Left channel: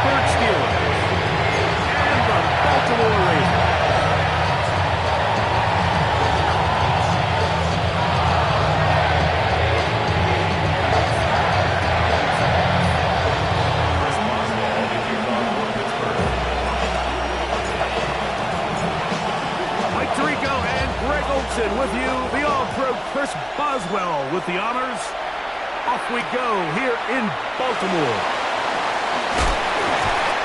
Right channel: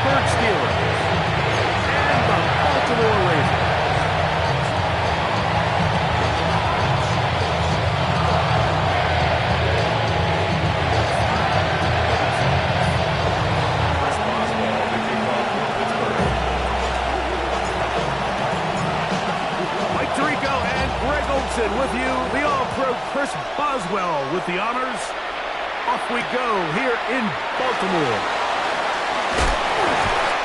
Pittsburgh Steelers and the Baltimore Ravens. With you, the All-Pro Chris Boswell with the honors. Off we go here in Baltimore.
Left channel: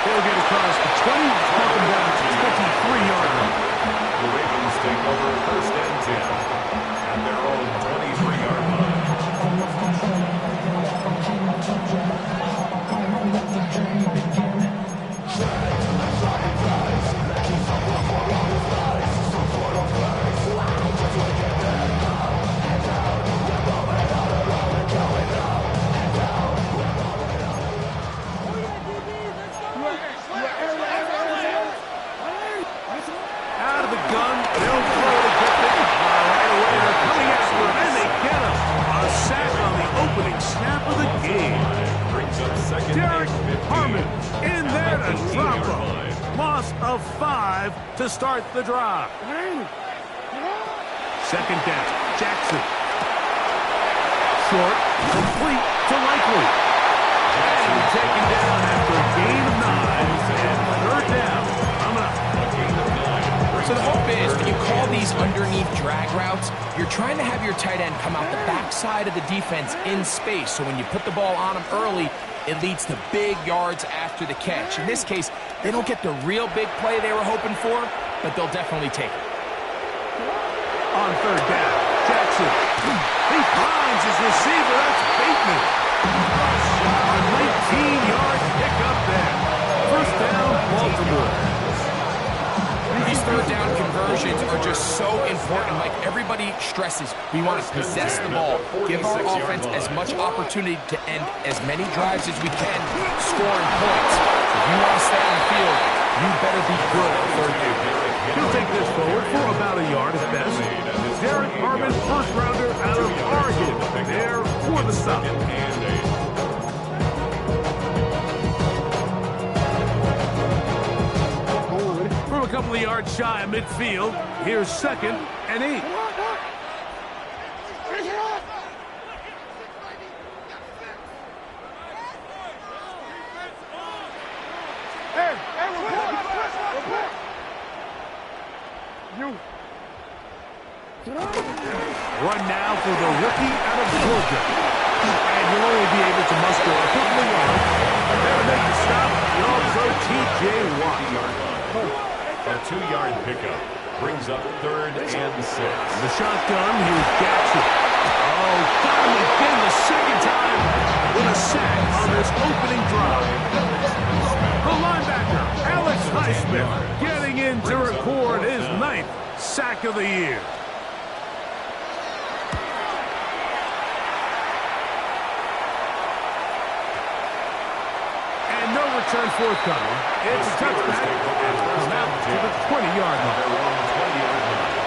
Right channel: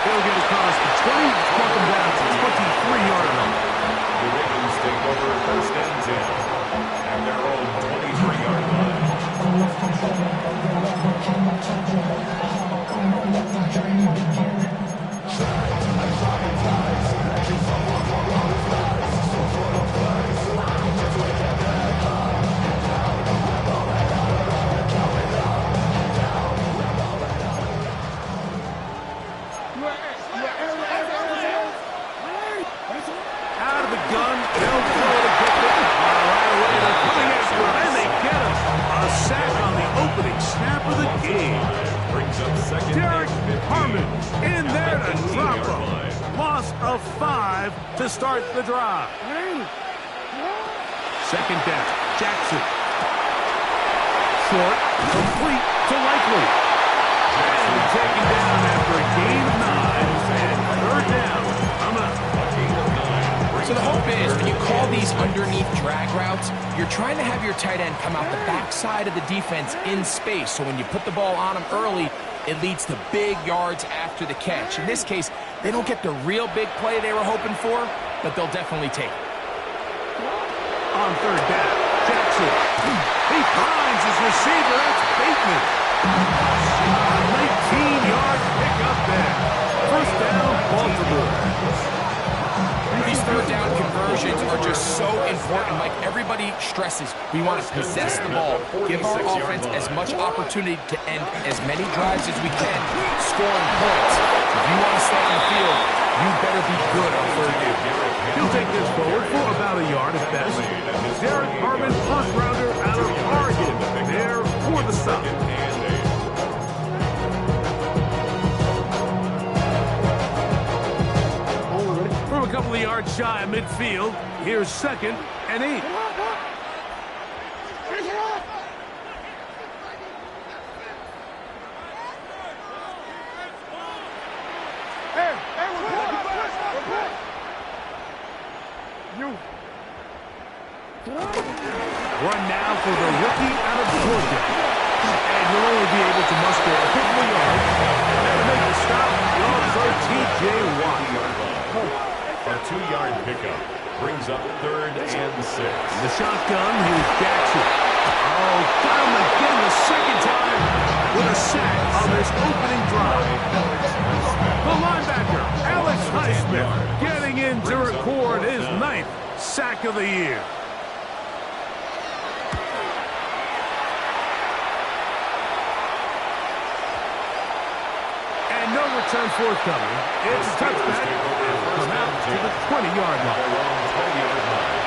He'll get across the 20, knock him down to 23-yard line. The Ravens take over 1st and 10 at their own 23-yard line. Out of the gun, they'll throw to get it. Right away, they're coming after him, and they get him. A sack on the opening snap of the game. Brings up second. Derek Harmon in there to drop him. Loss of 5 to start the drive. Second down, Jackson. Short, complete to Likely. And taken down after a gain of 9 and 3rd down. Coming up. A gain of 9. So the hope is when you call these underneath drag routes, you're trying to have your tight end come out the backside of the defense in space. So when you put the ball on him early, it leads to big yards after the catch. In this case, they don't get the real big play they were hoping for, but they'll definitely take it. On 3rd down, Jackson. He finds his receiver. That's Bateman. A 19-yard pickup there. 1st down, Baltimore. These 3rd down conversions are just so important. Like everybody stresses, we want to possess the ball, give our offense as much opportunity to end as many drives as we can, scoring points. If you want to stay on the field, you better be good on 3rd down. He'll take this forward for about a yard at best. Derek Harmon, 1st rounder out of Oregon, there for the stop. From a couple of yards shy of midfield, here's 2nd and 8. Run now for the rookie out of Georgia. And you'll only be able to muster a couple of yards. There to make the stop, the All-Pro T.J. Watt. A 2-yard pickup brings up 3rd and 6. The shotgun, here's Jackson. Oh, got him again the 2nd time with a sack on this opening drive. The linebacker, Alex Highsmith, getting in to record his 9th sack of the year. And no return forthcoming. It's a touchback and will come out to the 20-yard line. Their own 20-yard line.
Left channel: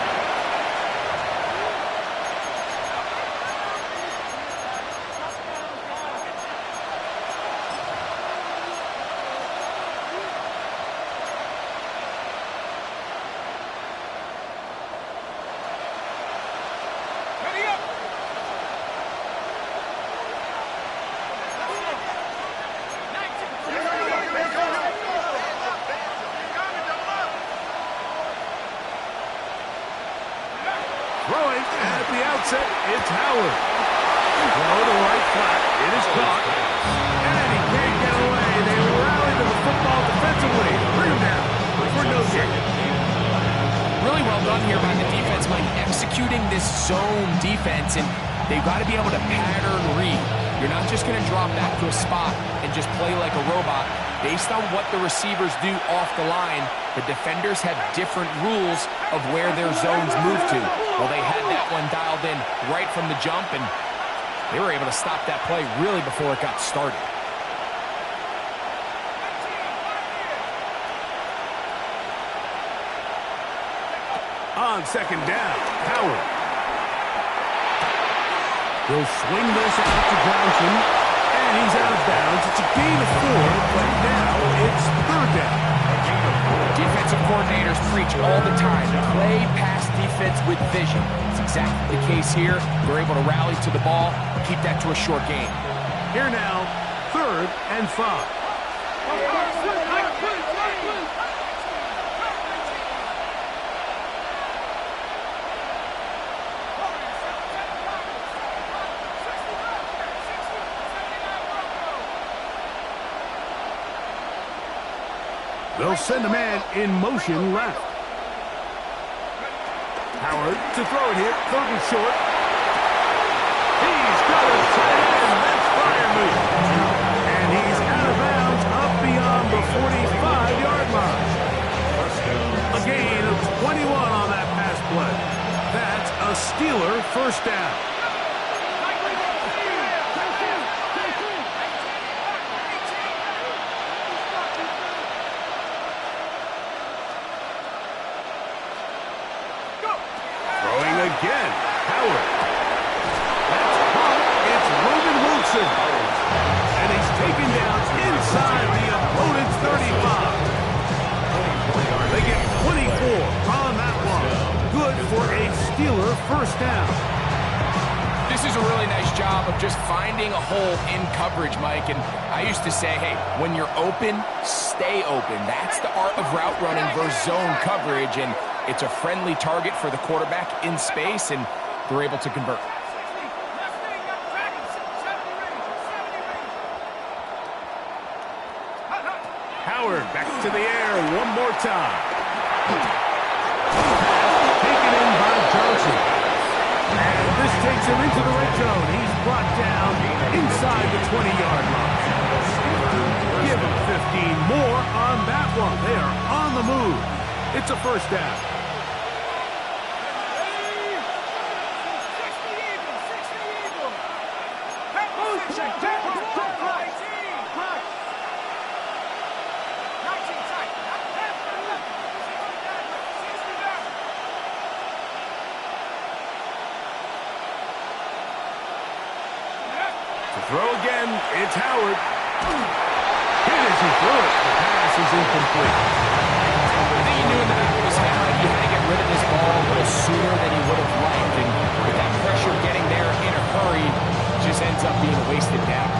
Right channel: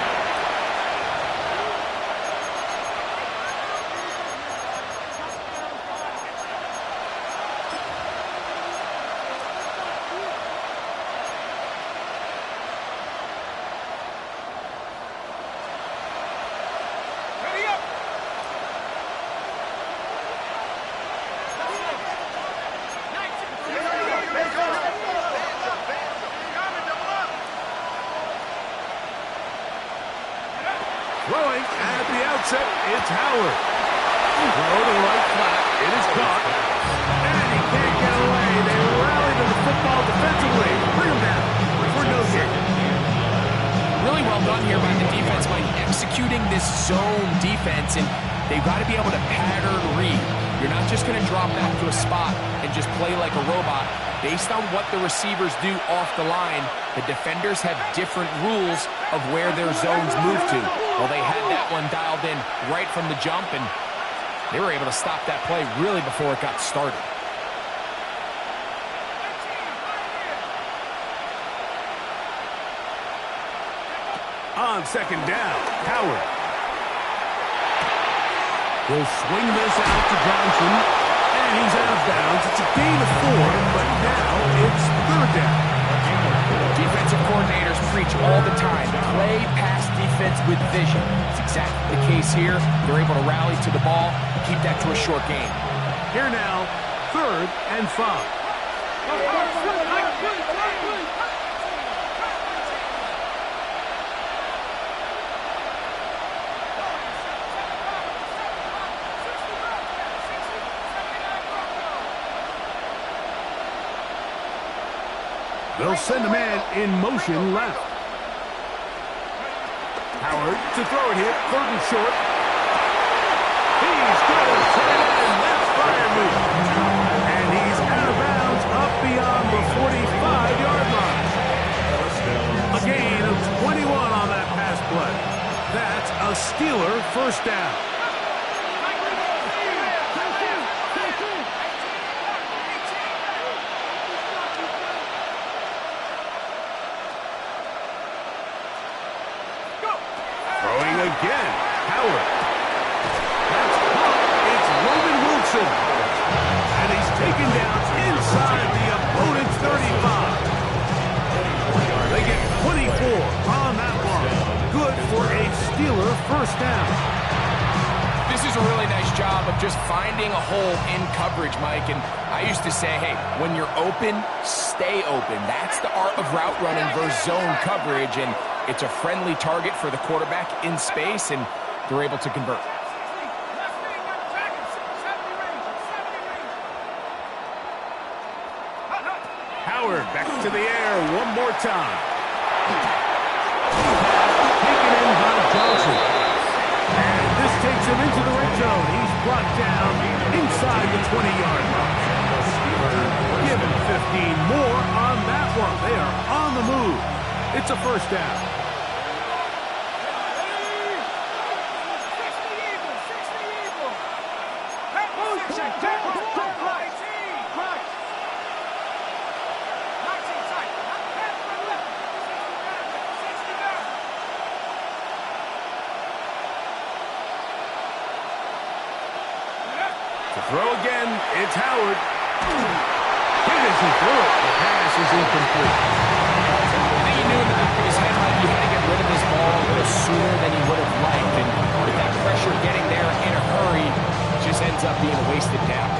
Throwing at the outset, it's Howard. Throw to the right flat. It is caught. And he can't get away. They rally to the football defensively. Bring him down for no gain. Really well done here by the defense, Mike, executing this zone defense, and they've got to be able to pattern read. You're not just going to drop back to a spot and just play like a robot. Based on what the receivers do off the line, the defenders have different rules of where their zones move to. Well, they had that one dialed in right from the jump, and they were able to stop that play really before it got started. On 2nd down, Howard. He'll swing this out to Johnson, and he's out of bounds. It's a gain of 4, but now third down. Defensive coordinators preach all the time, play pass defense with vision. It's exactly the case here. They're able to rally to the ball, keep that to a short game. Here now, 3rd and 5. They'll send a man in motion left. Howard to throw it here, 3rd and short. He's got his tight end. That's fire move. And he's out of bounds up beyond the 45-yard line. A gain of 21 on that pass play. That's a Steeler first down. Throwing again, Howard. That's caught. It's Roman Wilson. And he's taken down inside the opponent's 35. They get 24 on that one. Good for a Steeler first down. This is a really nice job of just finding a hole in coverage, Mike. And I used to say, hey, when you're open, stay open. That's the art of route running versus zone coverage. And it's a friendly target for the quarterback in space, and they're able to convert. Howard back to the air one more time. Taken in by Johnson. And this takes him into the red zone. He's brought down inside the 20-yard line. Give him 15 more on that one. They are on the move. It's a first down. To throw again, it's Howard. He doesn't throw it. The pass is incomplete. I think he knew in the back of his head, Mike, he had to get rid of this ball a little sooner than he would have liked. And with that pressure getting there in a hurry, it just ends up being a wasted down.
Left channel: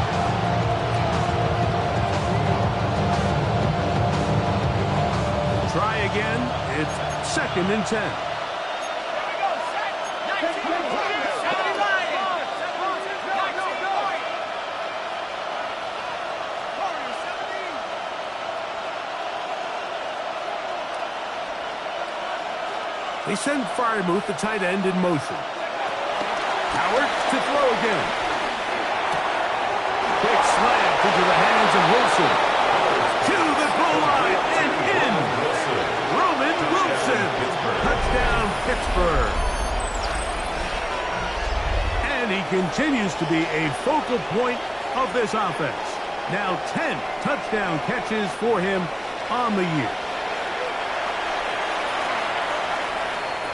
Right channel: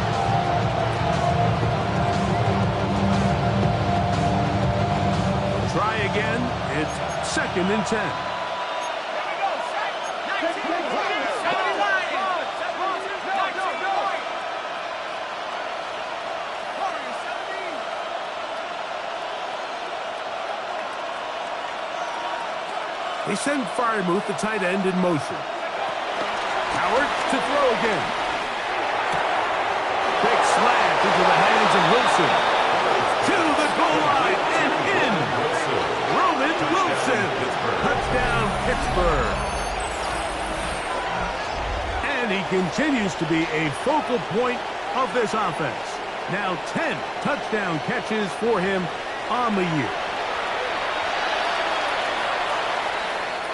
Try again. It's 2nd and 10. They send Firemuth, the tight end, in motion. Howard to throw again. Quick slant into the hands of Wilson. To the goal line and in. Roman Wilson. Touchdown, Pittsburgh. And he continues to be a focal point of this offense. Now 10 touchdown catches for him on the year.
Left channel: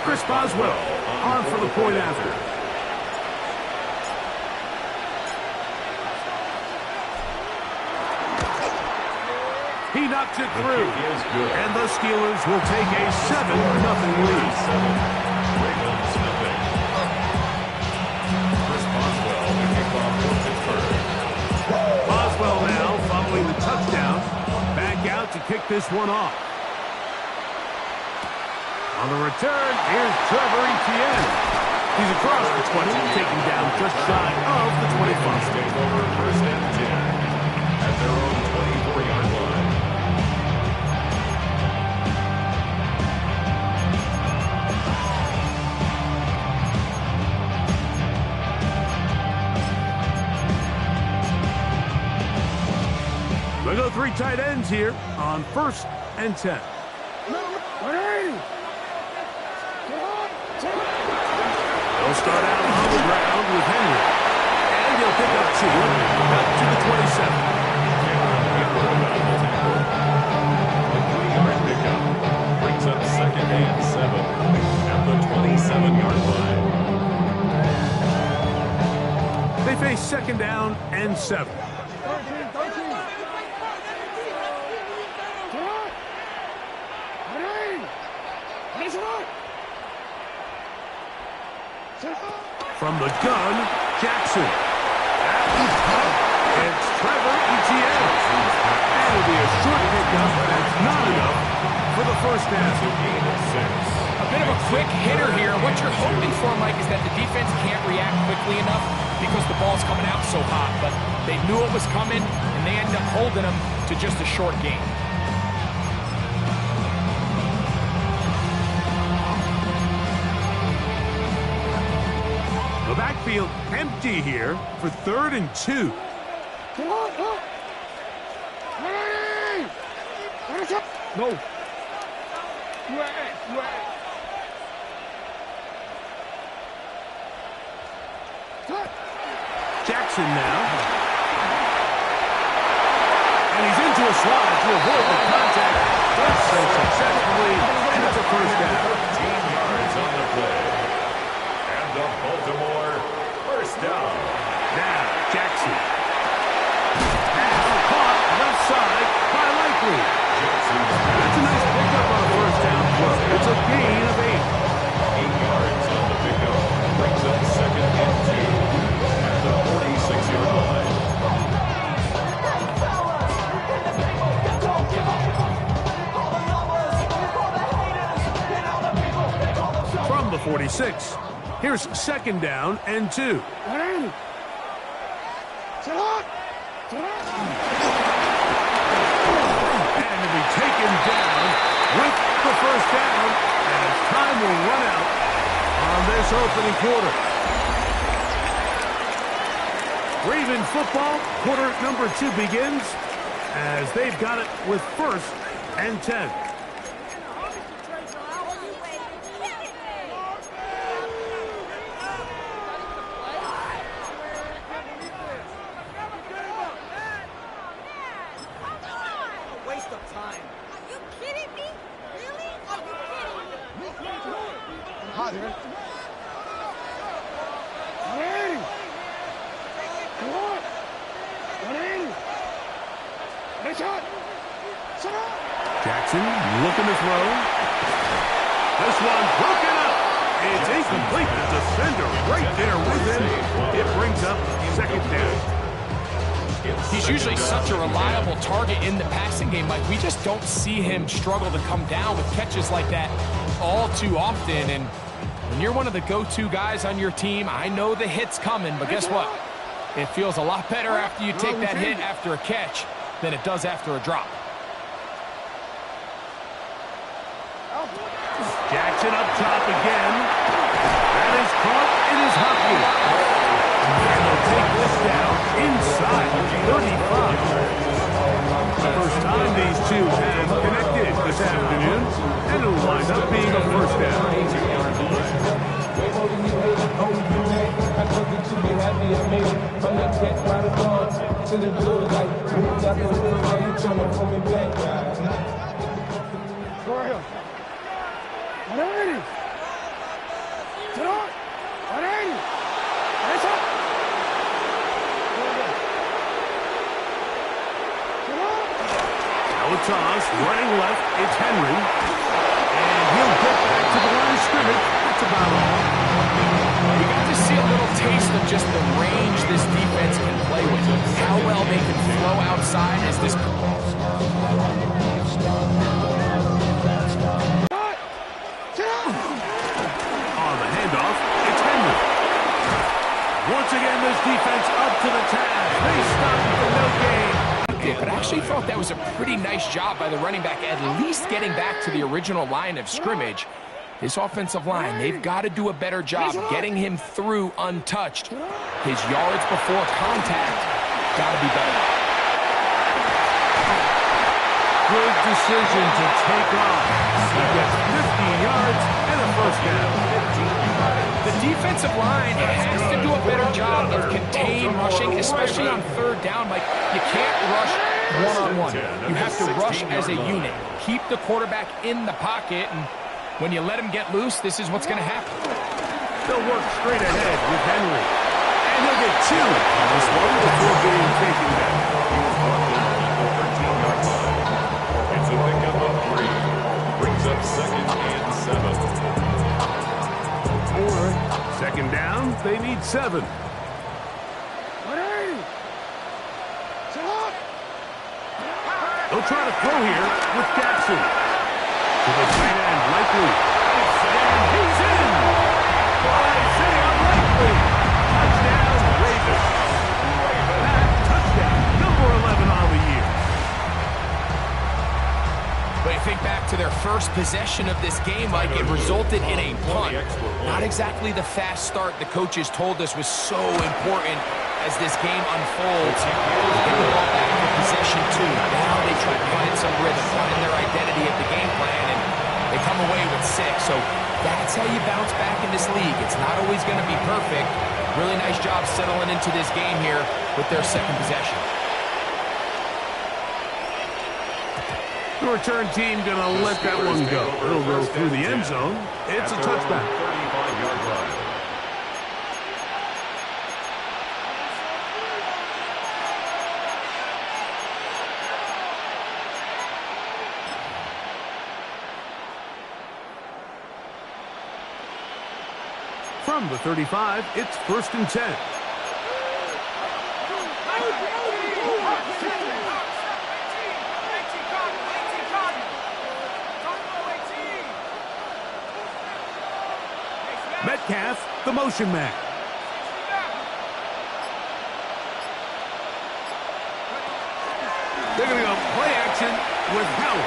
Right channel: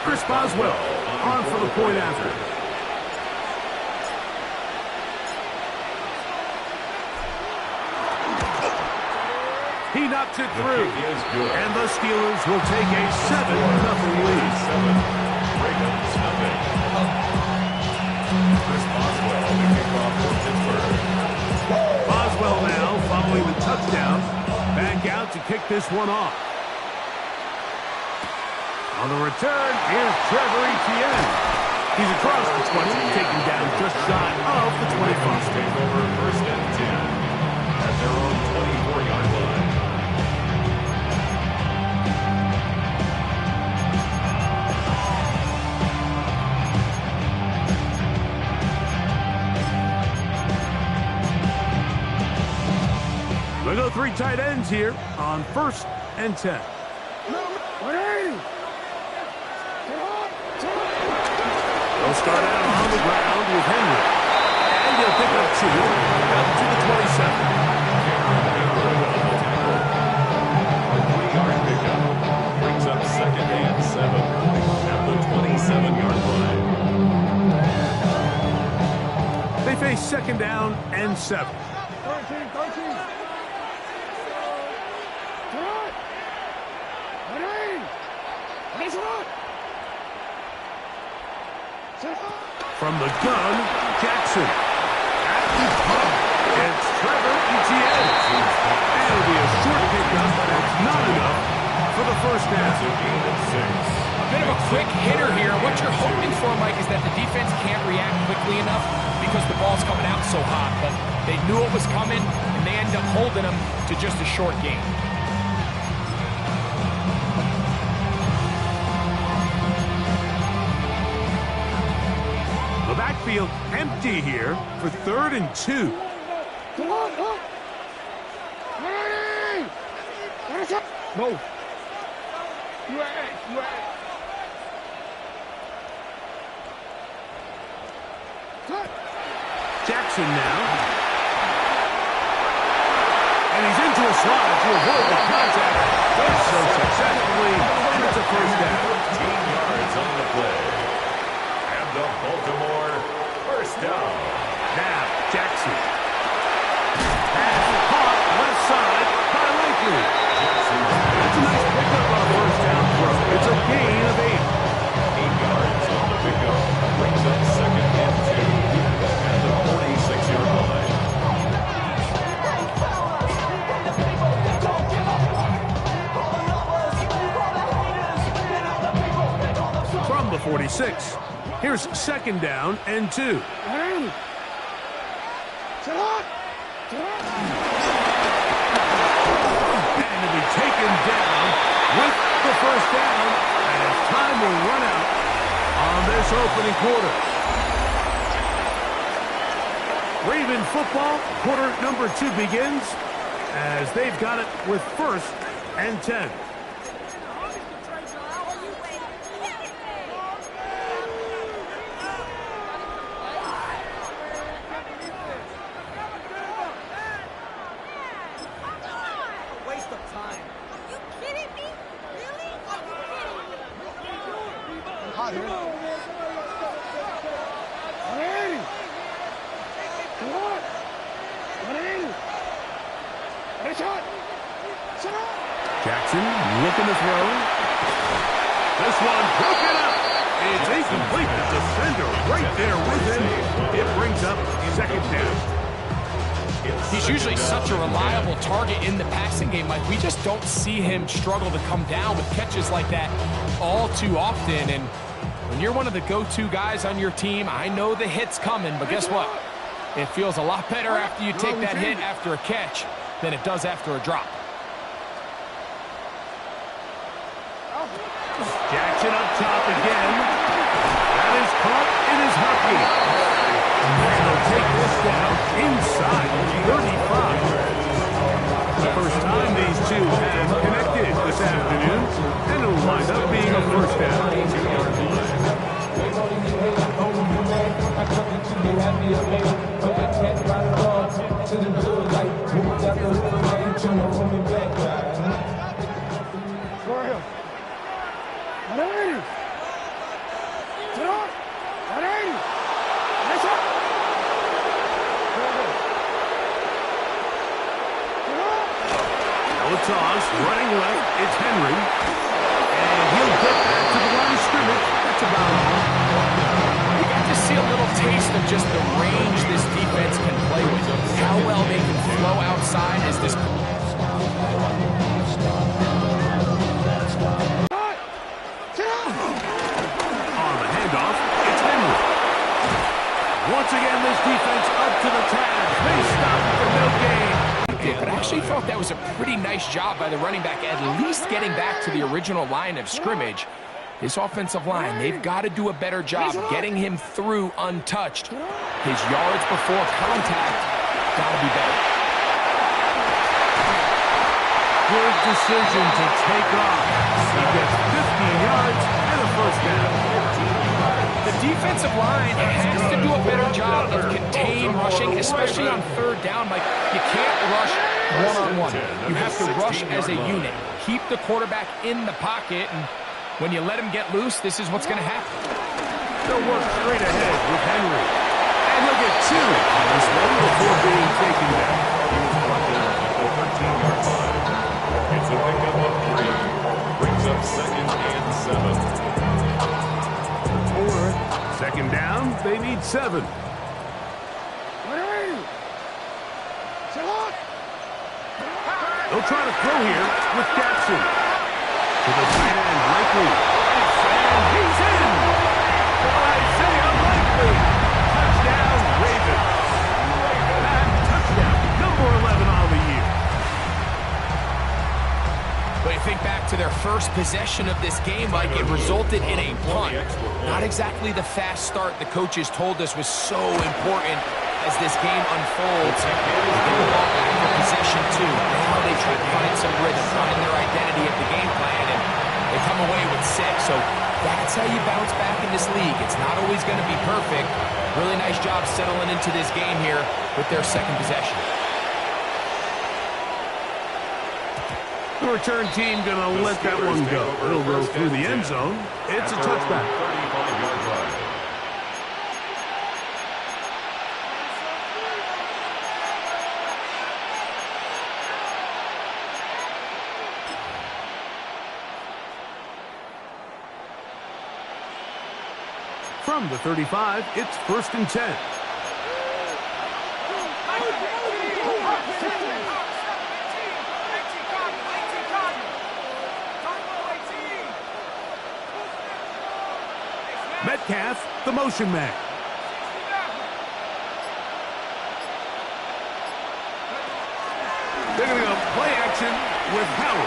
Chris Boswell on for the point after. He knocks it through. And the Steelers will take a 7-0 lead. Chris Boswell, the kickoff for Pittsburgh. Boswell now following the touchdown. Back out to kick this one off. On the return, here's Trevor Etienne. He's across the 20, taken down just shy of the 25. Take over 1st and 10 at their own 24-yard line. We'll go 3 tight ends here on 1st and 10. They'll start out on the ground with Henry. And he'll pick up 2 out to the 27. A 3-yard pickup brings up 2nd and 7 at the 27-yard line. They face 2nd down and 7. From the gun, Jackson. At the pump, it's Trevor Etienne. And it'll be a short pickup. That's not enough for the first half. It's a gain of 6. A bit of a quick hitter here. What you're hoping for, Mike, is that the defense can't react quickly enough because the ball's coming out so hot. But they knew it was coming, and they end up holding them to just a short gain. The backfield empty here for 3rd and 2. No. Jackson now. And he's into a slide to avoid the contact. Does so successfully, and it's a first down. 13 yards on the play. And the Baltimore first down. Now, Jackson. Pass caught left side by Likely. That's a nice pickup on a first down throw. It's a gain of 8. 8 yards on the pickup. Brings up 2nd and 2. At the 46-yard line. From the 46. Here's 2nd down and 2. And to be taken down with the first down as time will run out on this opening quarter. Raven football, quarter number 2 begins as they've got it with 1st and 10. Waste of time. Are you kidding me? Really? Are you kidding me? I'm hot here. Come on. 180. It's hot. Sit up. Jackson looking to throw. This one broken up. It's incomplete. The defender right there with him. It brings up 2nd down. He's usually such a reliable target in the passing game, Mike. We just don't see him struggle to come down with catches like that all too often. And when you're one of the go-to guys on your team, I know the hit's coming, but guess what? It feels a lot better after you take that hit after a catch than it does after a drop. Jackson up top again. That is caught in his hockey. And they'll take this down inside 35. The first time these two have connected this afternoon, and it'll wind up being a first down. Toss, running left, it's Henry. And he'll get back to the line of scrimmage. That's about all. We got to see a little taste of just the range this defense can play with. How well they can flow outside as this... On the handoff, it's Henry. Once again, this defense up to the task. They stop for no gain. But I actually thought that was a pretty nice job by the running back, at least getting back to the original line of scrimmage. This offensive line, they've got to do a better job getting him through untouched. His yards before contact got to be better. Good decision to take off. He gets 15 yards and a first down. The defensive line has to do a better job of contain rushing, especially on 3rd down. Like, you can't rush one-on-one. You have to rush as a unit. Keep the quarterback in the pocket, and when you let him get loose, this is what's going to happen. They'll work straight ahead with Henry. And he'll get 2 on this one before being taken down. He was brought down at the 13-yard line. It's a pickup of 3. Brings up 2nd and 7. Second down, they need 7. They'll try to throw here with Jackson. To the tight end, Likely. And he's in! Isaiah Likely! Touchdown, Ravens. That touchdown, number 11 on the year. But you think back to their first possession of this game, Mike, it resulted in a punt. Not exactly the fast start the coaches told us was so important as this game unfolds. They get the ball back for possession 2. Now they try to find some rhythm, find their identity of the game plan, and they come away with 6. So that's how you bounce back in this league. It's not always going to be perfect. Really nice job settling into this game here with their second possession. The return team going to let that one go. It'll go through the end zone. It's a touchback. 35-yard line. From the 35, it's 1st and 10. Metcalf, the motion man. They're going to go play action with Howard.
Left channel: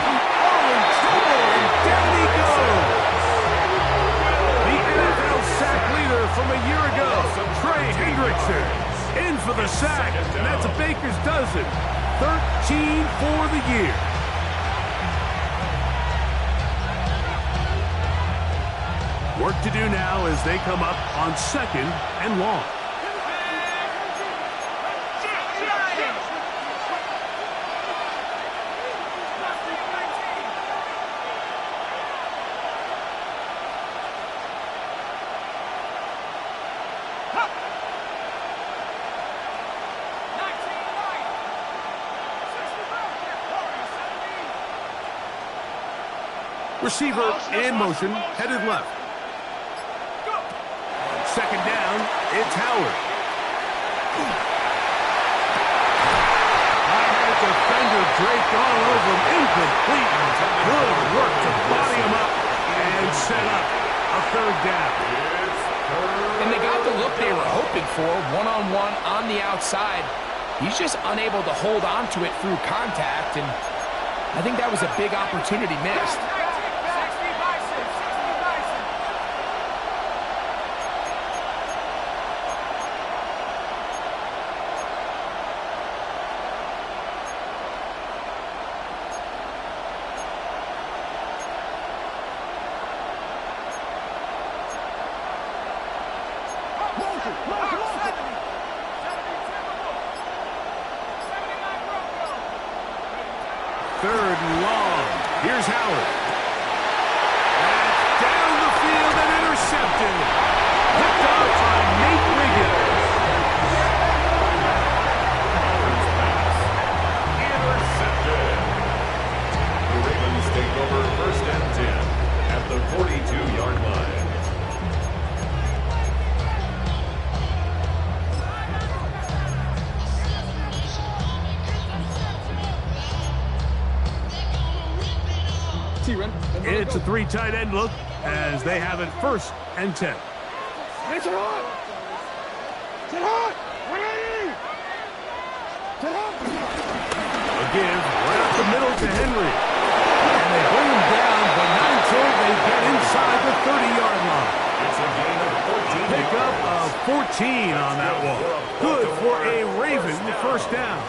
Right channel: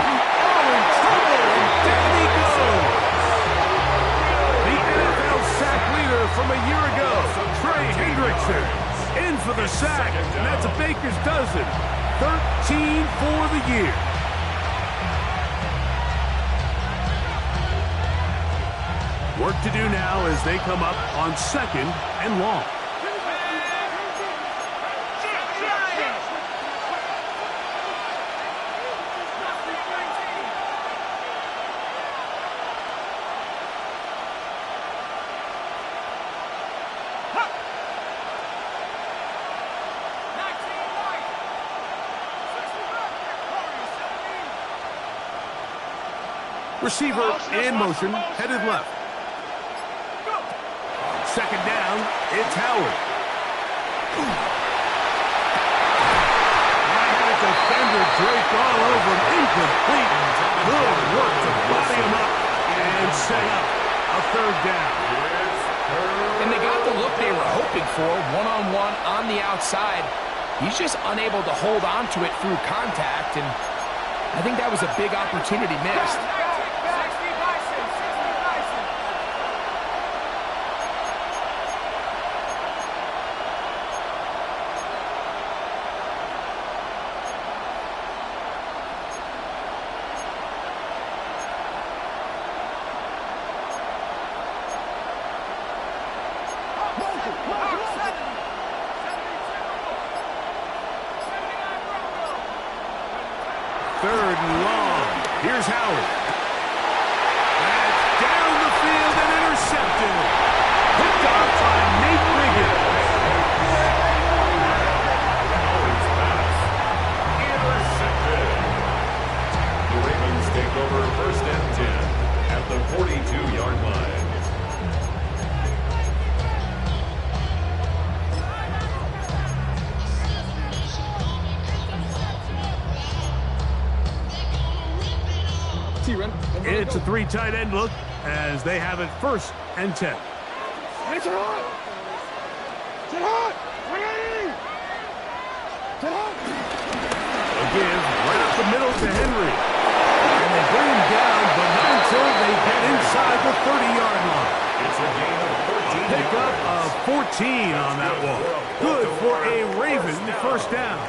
Oh, in trouble, and down he goes. The NFL sack leader from a year ago, Trey Hendrickson, in for the sack, and that's a Baker's dozen. 13 for the year. Work to do now as they come up on 2nd and long. Receiver in motion, headed left. Second down, it's Howard. High-headed defender draped all over him. Incomplete. Good work to body him up and set up a 3rd down. And they got the look they were hoping for, one-on-one on the outside. He's just unable to hold on to it through contact, and I think that was a big opportunity missed. Third and long. Here's Howard. That's down the field and intercepted. Picked off by Nate Riggins. Howard's pass intercepted. The Ravens take over 1st and 10 at the 42-yard line. It's a 3 tight end look as they have it 1st and 10. It's hot! It's hot! A give right up the middle to Henry. And they bring him down, but not until they get inside the 30-yard line. It's a gain of 14. Pickup of 14 on that one. Good for a Raven 1st down.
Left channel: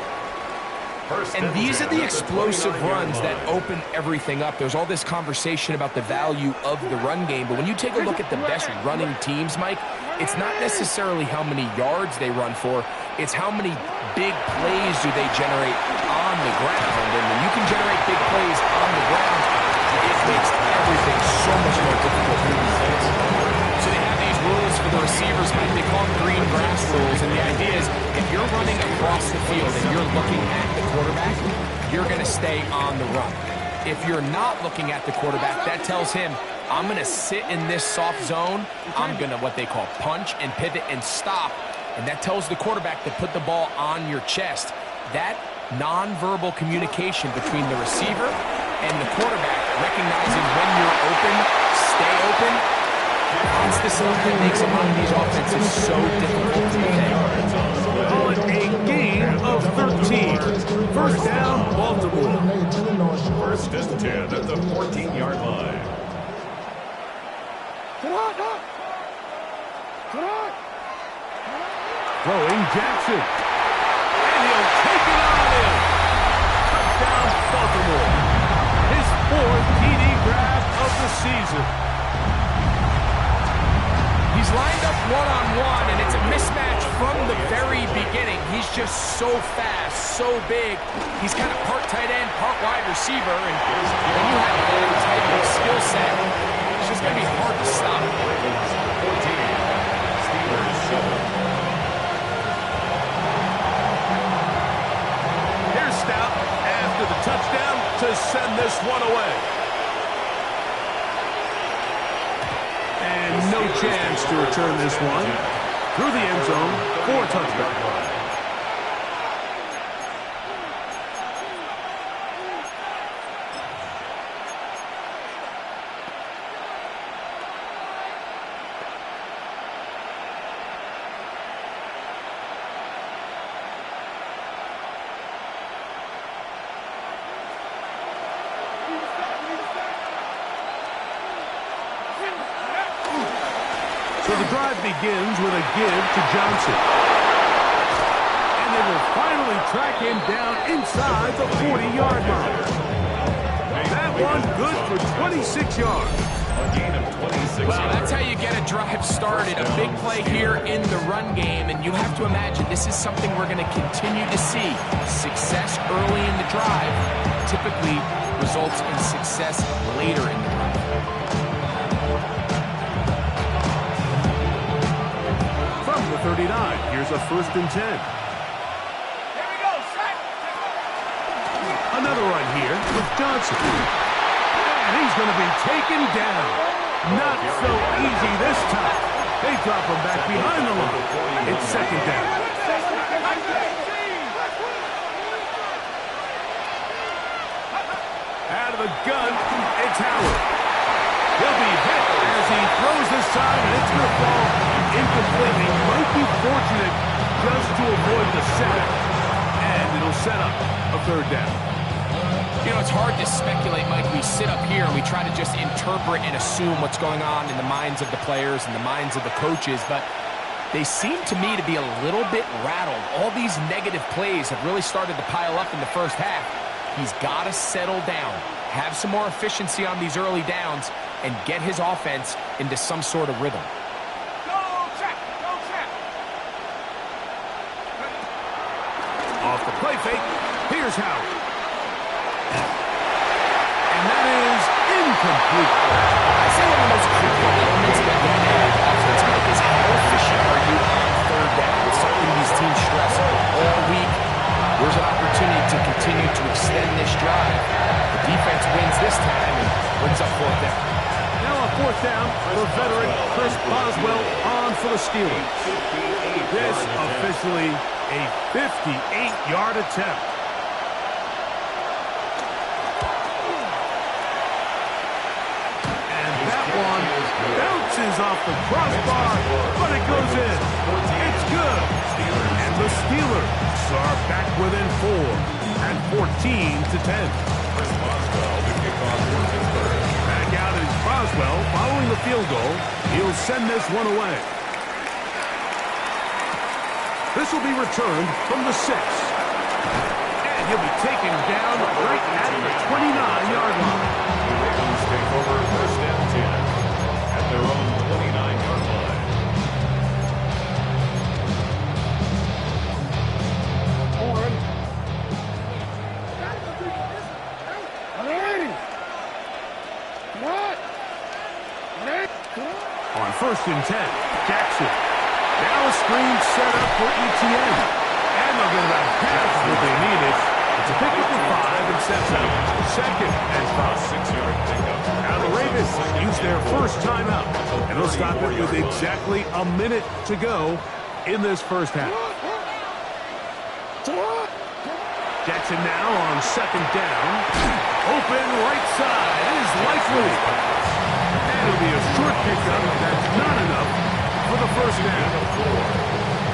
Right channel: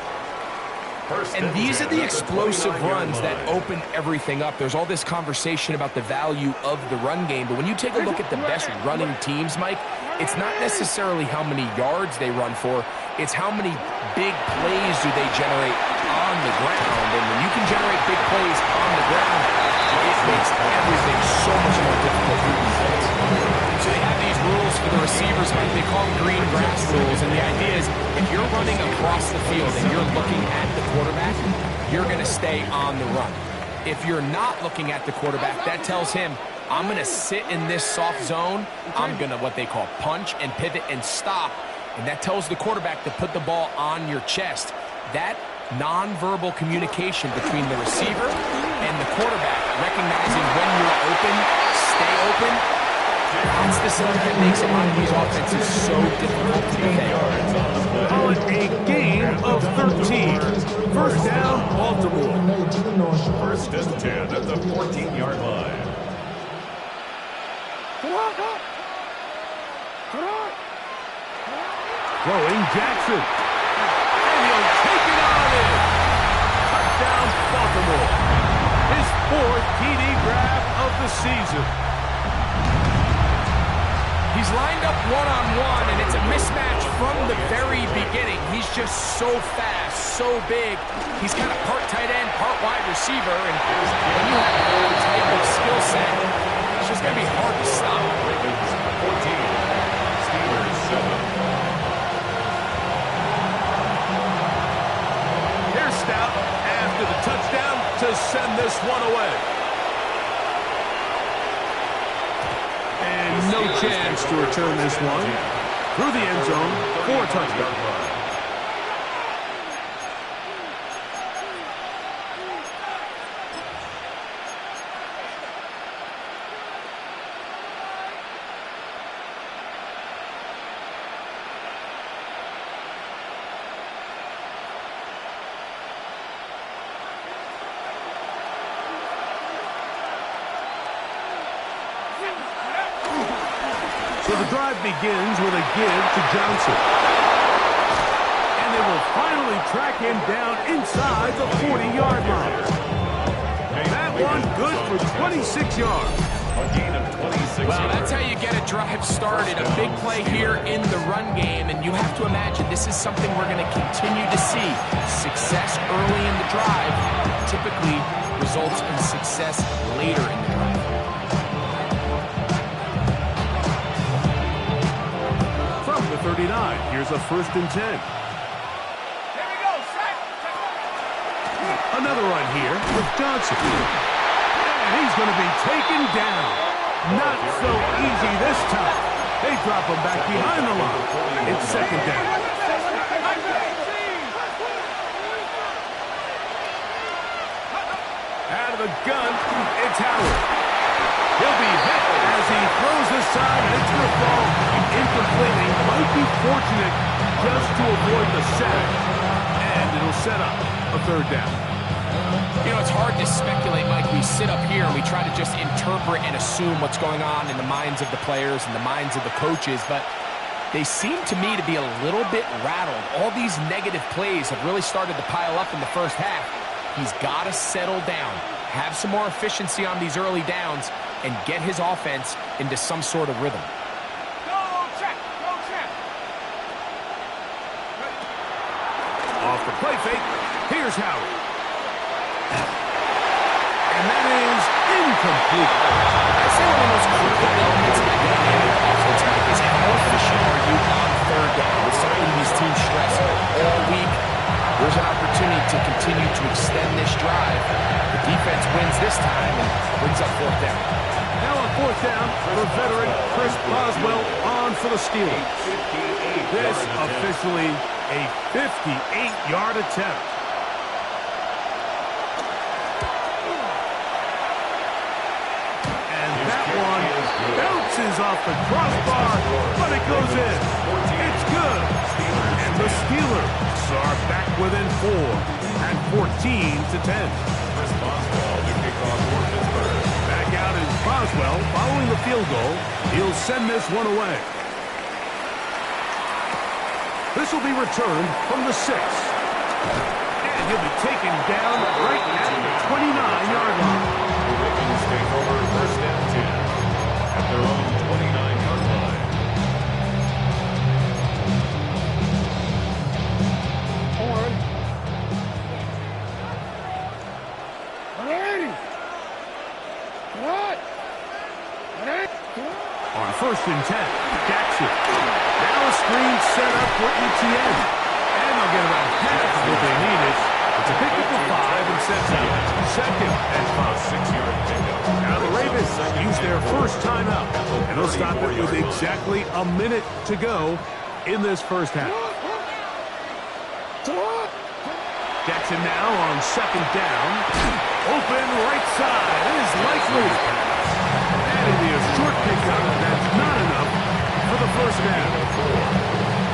And these are the explosive runs that open everything up. There's all this conversation about the value of the run game, but when you take a look at the best running teams, Mike, it's not necessarily how many yards they run for, it's how many big plays do they generate on the ground. And when you can generate big plays on the ground, it makes everything so much more difficult for defense. So they have these rules for the receivers, Mike. They call them green grass rules, and the idea is if you're running across the field and you're looking at the quarterback, you're going to stay on the run. If you're not looking at the quarterback, that tells him, I'm going to sit in this soft zone. I'm going to what they call punch and pivot and stop. And that tells the quarterback to put the ball on your chest. That nonverbal communication between the receiver and the quarterback, recognizing when you're open, stay open, that's the stuff that makes a lot of these offenses so difficult to defend. Call it a gain of 13. First down, Baltimore. First and 10 at the 14-yard line. Throwing Jackson. And he'll take it on in. Touchdown, Baltimore. His 4th TD grab of the season. He's lined up one-on-one, and it's a mismatch from the very beginning. He's just so fast, so big. He's kind of part tight end, part wide receiver, and when you have that type of skill set, it's just going to be hard to stop. Ravens 14, Steelers 7. Here's Stout after the touchdown to send this one away. And no chance to return this one. Through the end zone for a touchdown. So the drive begins with a give to Johnson. And they will finally track him down inside the 40-yard line. That one good for 26 yards. A gain of 26 Well, yards. that's how you get a drive started. A big play here in the run game, and you have to imagine this is something we're going to continue to see. Success early in the drive typically results in success later in the drive. From the 39, here's a 1st and 10. Here we go, set. Another run here with Johnson. And he's going to be taken down. Not so easy this time. They drop him back behind the line. It's 2nd down. Out of the gun, it's Howard. He'll be hit as he throws this time, and it's going to fall incompletely. Might be fortunate just to avoid the sack, and it'll set up a 3rd down. You know, it's hard to speculate, Mike. We sit up here and we try to just interpret and assume what's going on in the minds of the players and the minds of the coaches, but they seem to me to be a little bit rattled. All these negative plays have really started to pile up in the first half. He's got to settle down, have some more efficiency on these early downs, and get his offense into some sort of rhythm. Go check, go check. Off the play fake, here's Howard. And that is incomplete. I say one of the most critical elements of a dynamic offense, Mike, is how efficient are you on 3rd down? It's something these teams stress all week. There's an opportunity to continue to extend this drive. The defense wins this time and brings up 4th down. Now on 4th down, the veteran Chris Boswell on for the Steelers. This officially a 58-yard attempt. And that one bounces off the crossbar, but it goes in. It's good. And the Steelers are back within 4 at 14-10. Chris Boswell to kick off for Pittsburgh. Back out is Boswell following the field goal. He'll send this one away. This will be returned from the 6. And he'll be taken down right at the 29-yard line. The Ravens take over 1st and 10 at their own 29-yard line. On 1st and 10, Jackson. Now a screen set up for ETN. And they'll get about half of what they needed. It's a pickup of 5 and sets out. Second and 5. 6-yard pickup. Now the Ravens use their first timeout, and they'll stop it with exactly a minute to go in this first half. Jackson now on second down. Open right side is likely. And it'll be a short pickup. That's not enough for the first down.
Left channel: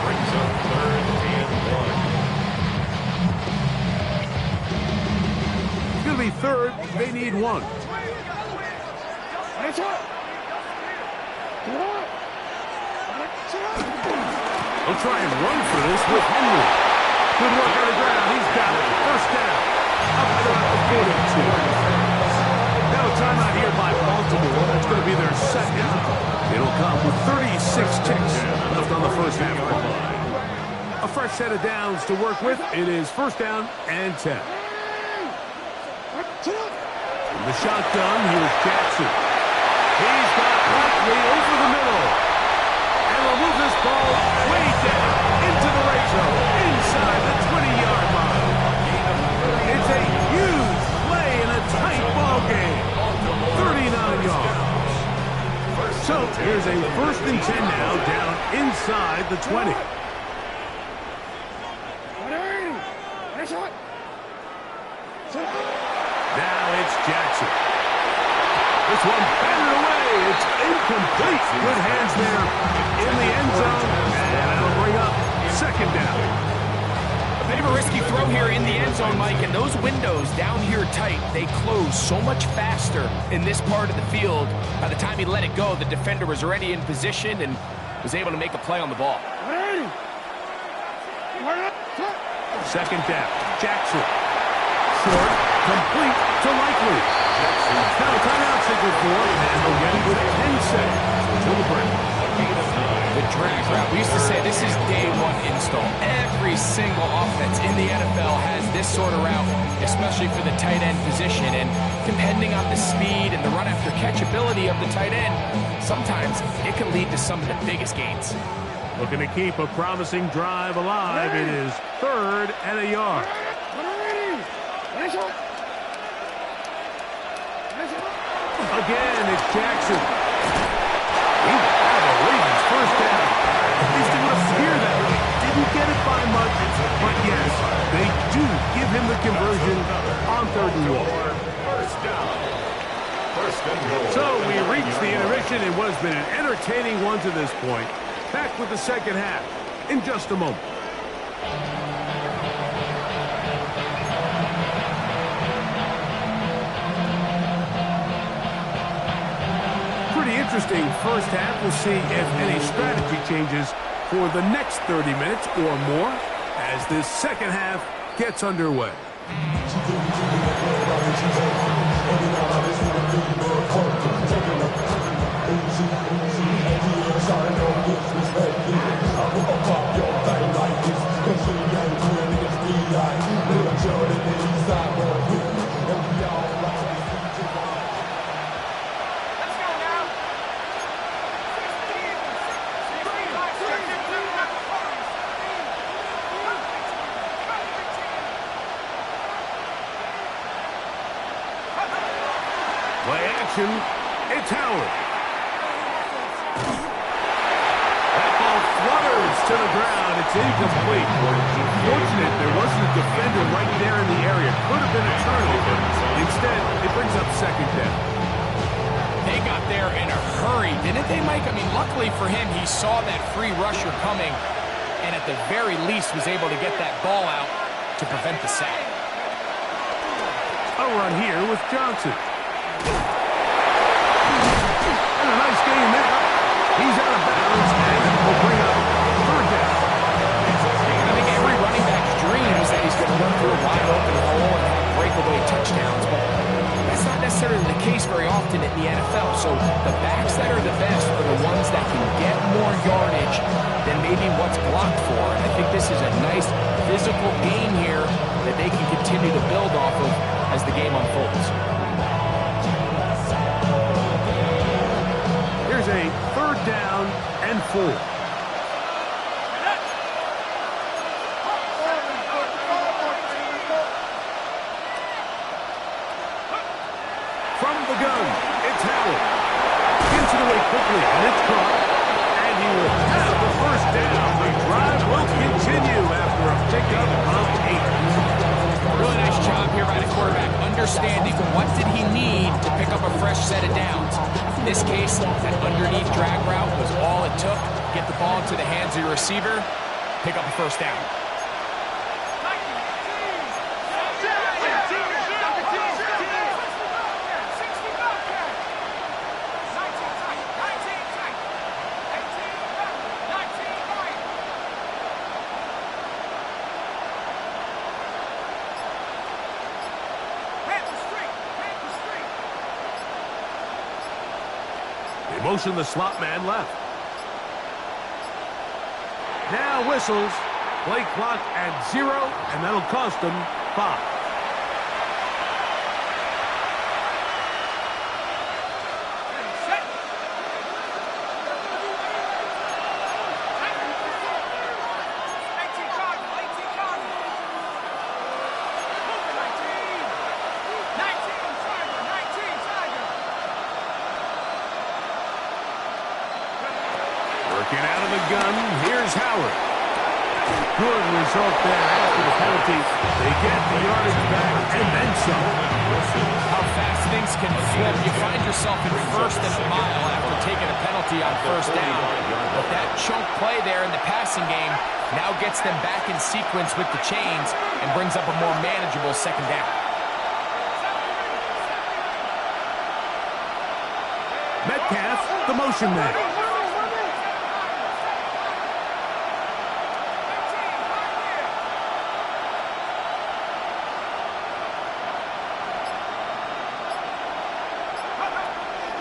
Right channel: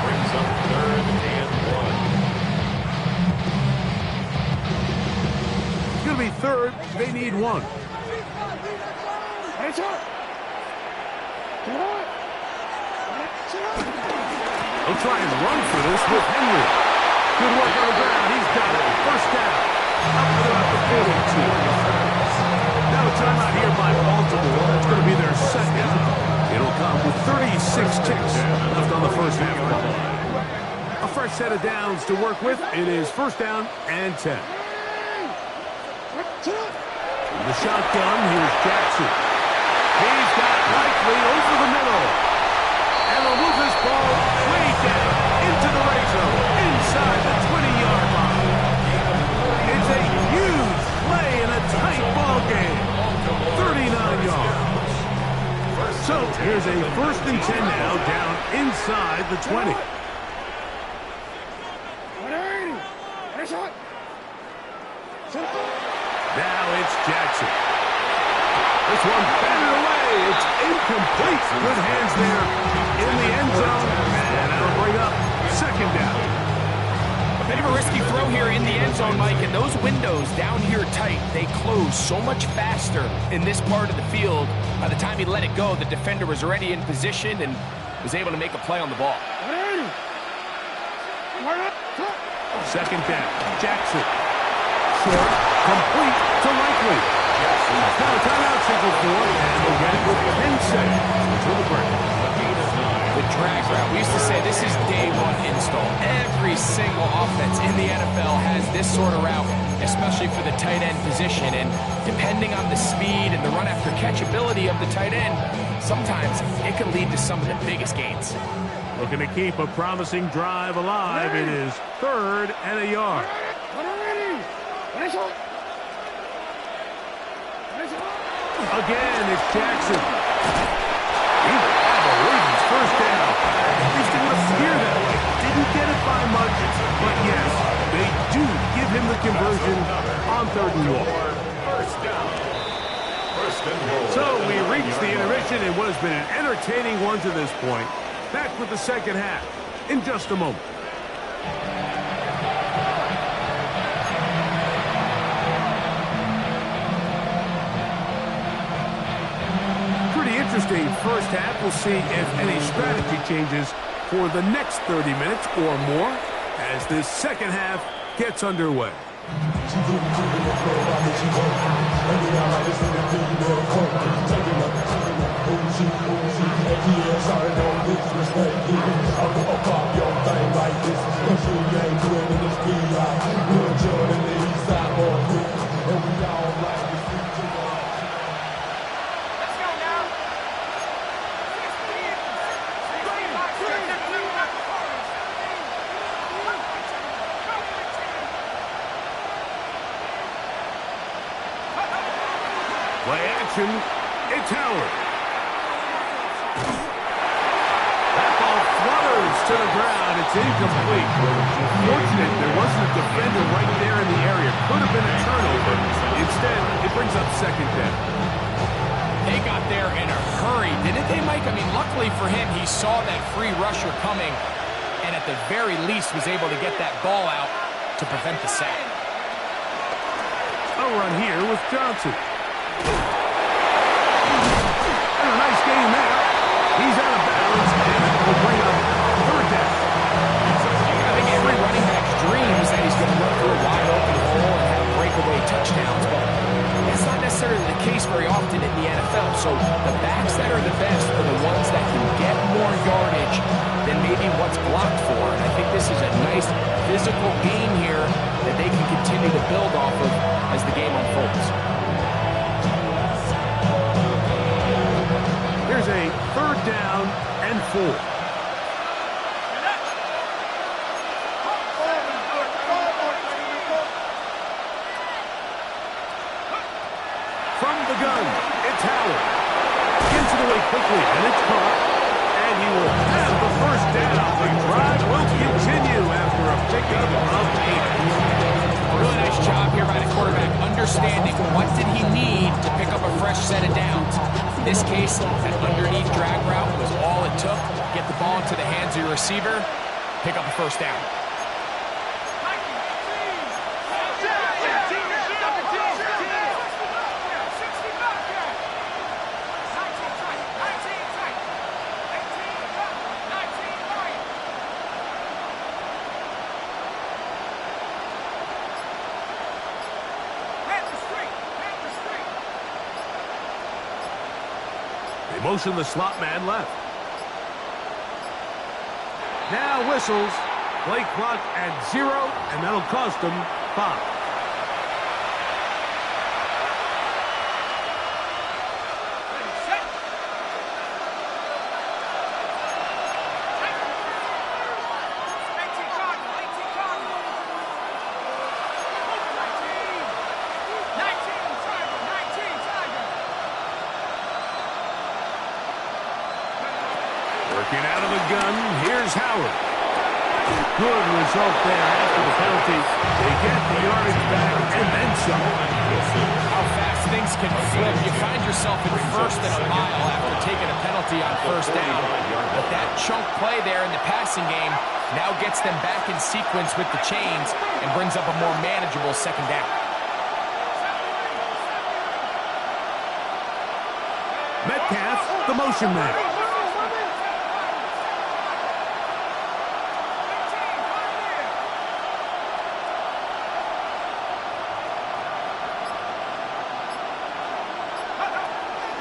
Brings up 3rd and 1. It's going to be third. They need 1. They'll try and run for this with Henry. Good work on the ground. He's got it. First down. Up at about the 42. Now a timeout here by Baltimore. That's going to be their second. It'll come with 36 ticks left on the first half clock. A fresh set of downs to work with. It is first down and 10. From the shotgun, here's Jackson. He's got Likely over the middle. And they'll move this ball way down into the red zone, inside the 20-yard line. It's a huge play in a tight ball game. 39 yards. So here's a first and 10 now, down inside the 20. Now it's Jackson. This one batted away. It's incomplete. Good hands there in the end zone. And that'll bring up second down. A bit of a risky throw here in the end zone, Mike, and those windows down here tight, they close so much faster in this part of the field. By the time he let it go, the defender was already in position and was able to make a play on the ball. Second down. Jackson. Short, complete to Likely. Now a timeout signal for, and they'll get it with 10 seconds until the break. The drag route. We used to say this is day one install. Every single offense in the NFL has this sort of route, especially for the tight end position. And depending on the speed and the run after catch ability of the tight end, sometimes it can lead to some of the biggest gains. Looking to keep a promising drive alive. It is third and a yard. Again, it's Jackson. He will have a Ravens first down. At least it would appear that way. Didn't get it by much, but yes, they do give him the conversion on 3rd and 1. First and goal. So we reach the intermission in what has been an entertaining one to this point. Back with the second half in just a moment. Pretty interesting first half. We'll see if any strategy changes for the next 30 minutes or more as this second half gets underway. Play action, it's Howard. That ball flutters to the ground. It's incomplete. Fortunate there wasn't a defender right there in the area. Could have been a turnover. Instead, it brings up second down. They got there in a hurry, didn't they, Mike? I mean, luckily for him, he saw that free rusher coming and at the very least was able to get that ball out to prevent the sack. A run here with Johnson. And a nice game there. He's out of bounds, and it will bring up third down. I think every running back's dream is that he's going to run through a wide open hole and have breakaway touchdowns, but that's not necessarily the case very often in the NFL. So the backs that are the best are the ones that can get more yardage than maybe what's blocked for. And I think this is a nice physical game here that they can continue to build off of as the game unfolds. Here's a third down and 4. From the gun, it's Howard. Gets it away quickly, and it's caught. And he will have the first down. The drive will continue after a pickup of 8. Really nice job here by the quarterback, understanding what did he need to pick up a fresh set of downs. In this case, that underneath drag route was all it took. Get the ball into the hands of your receiver, pick up a first down. They motion the slot man left. Now whistles. Play clock at 0, and that'll cost them 5. Working out of the gun, here's Howard. Good result there after the penalty. They get the yardage back and then some. How fast things can flip. You find yourself in first and a mile after taking a penalty on first down. But that chunk play there in the passing game now gets them back in sequence with the chains and brings up a more manageable second down. Metcalf, the motion man.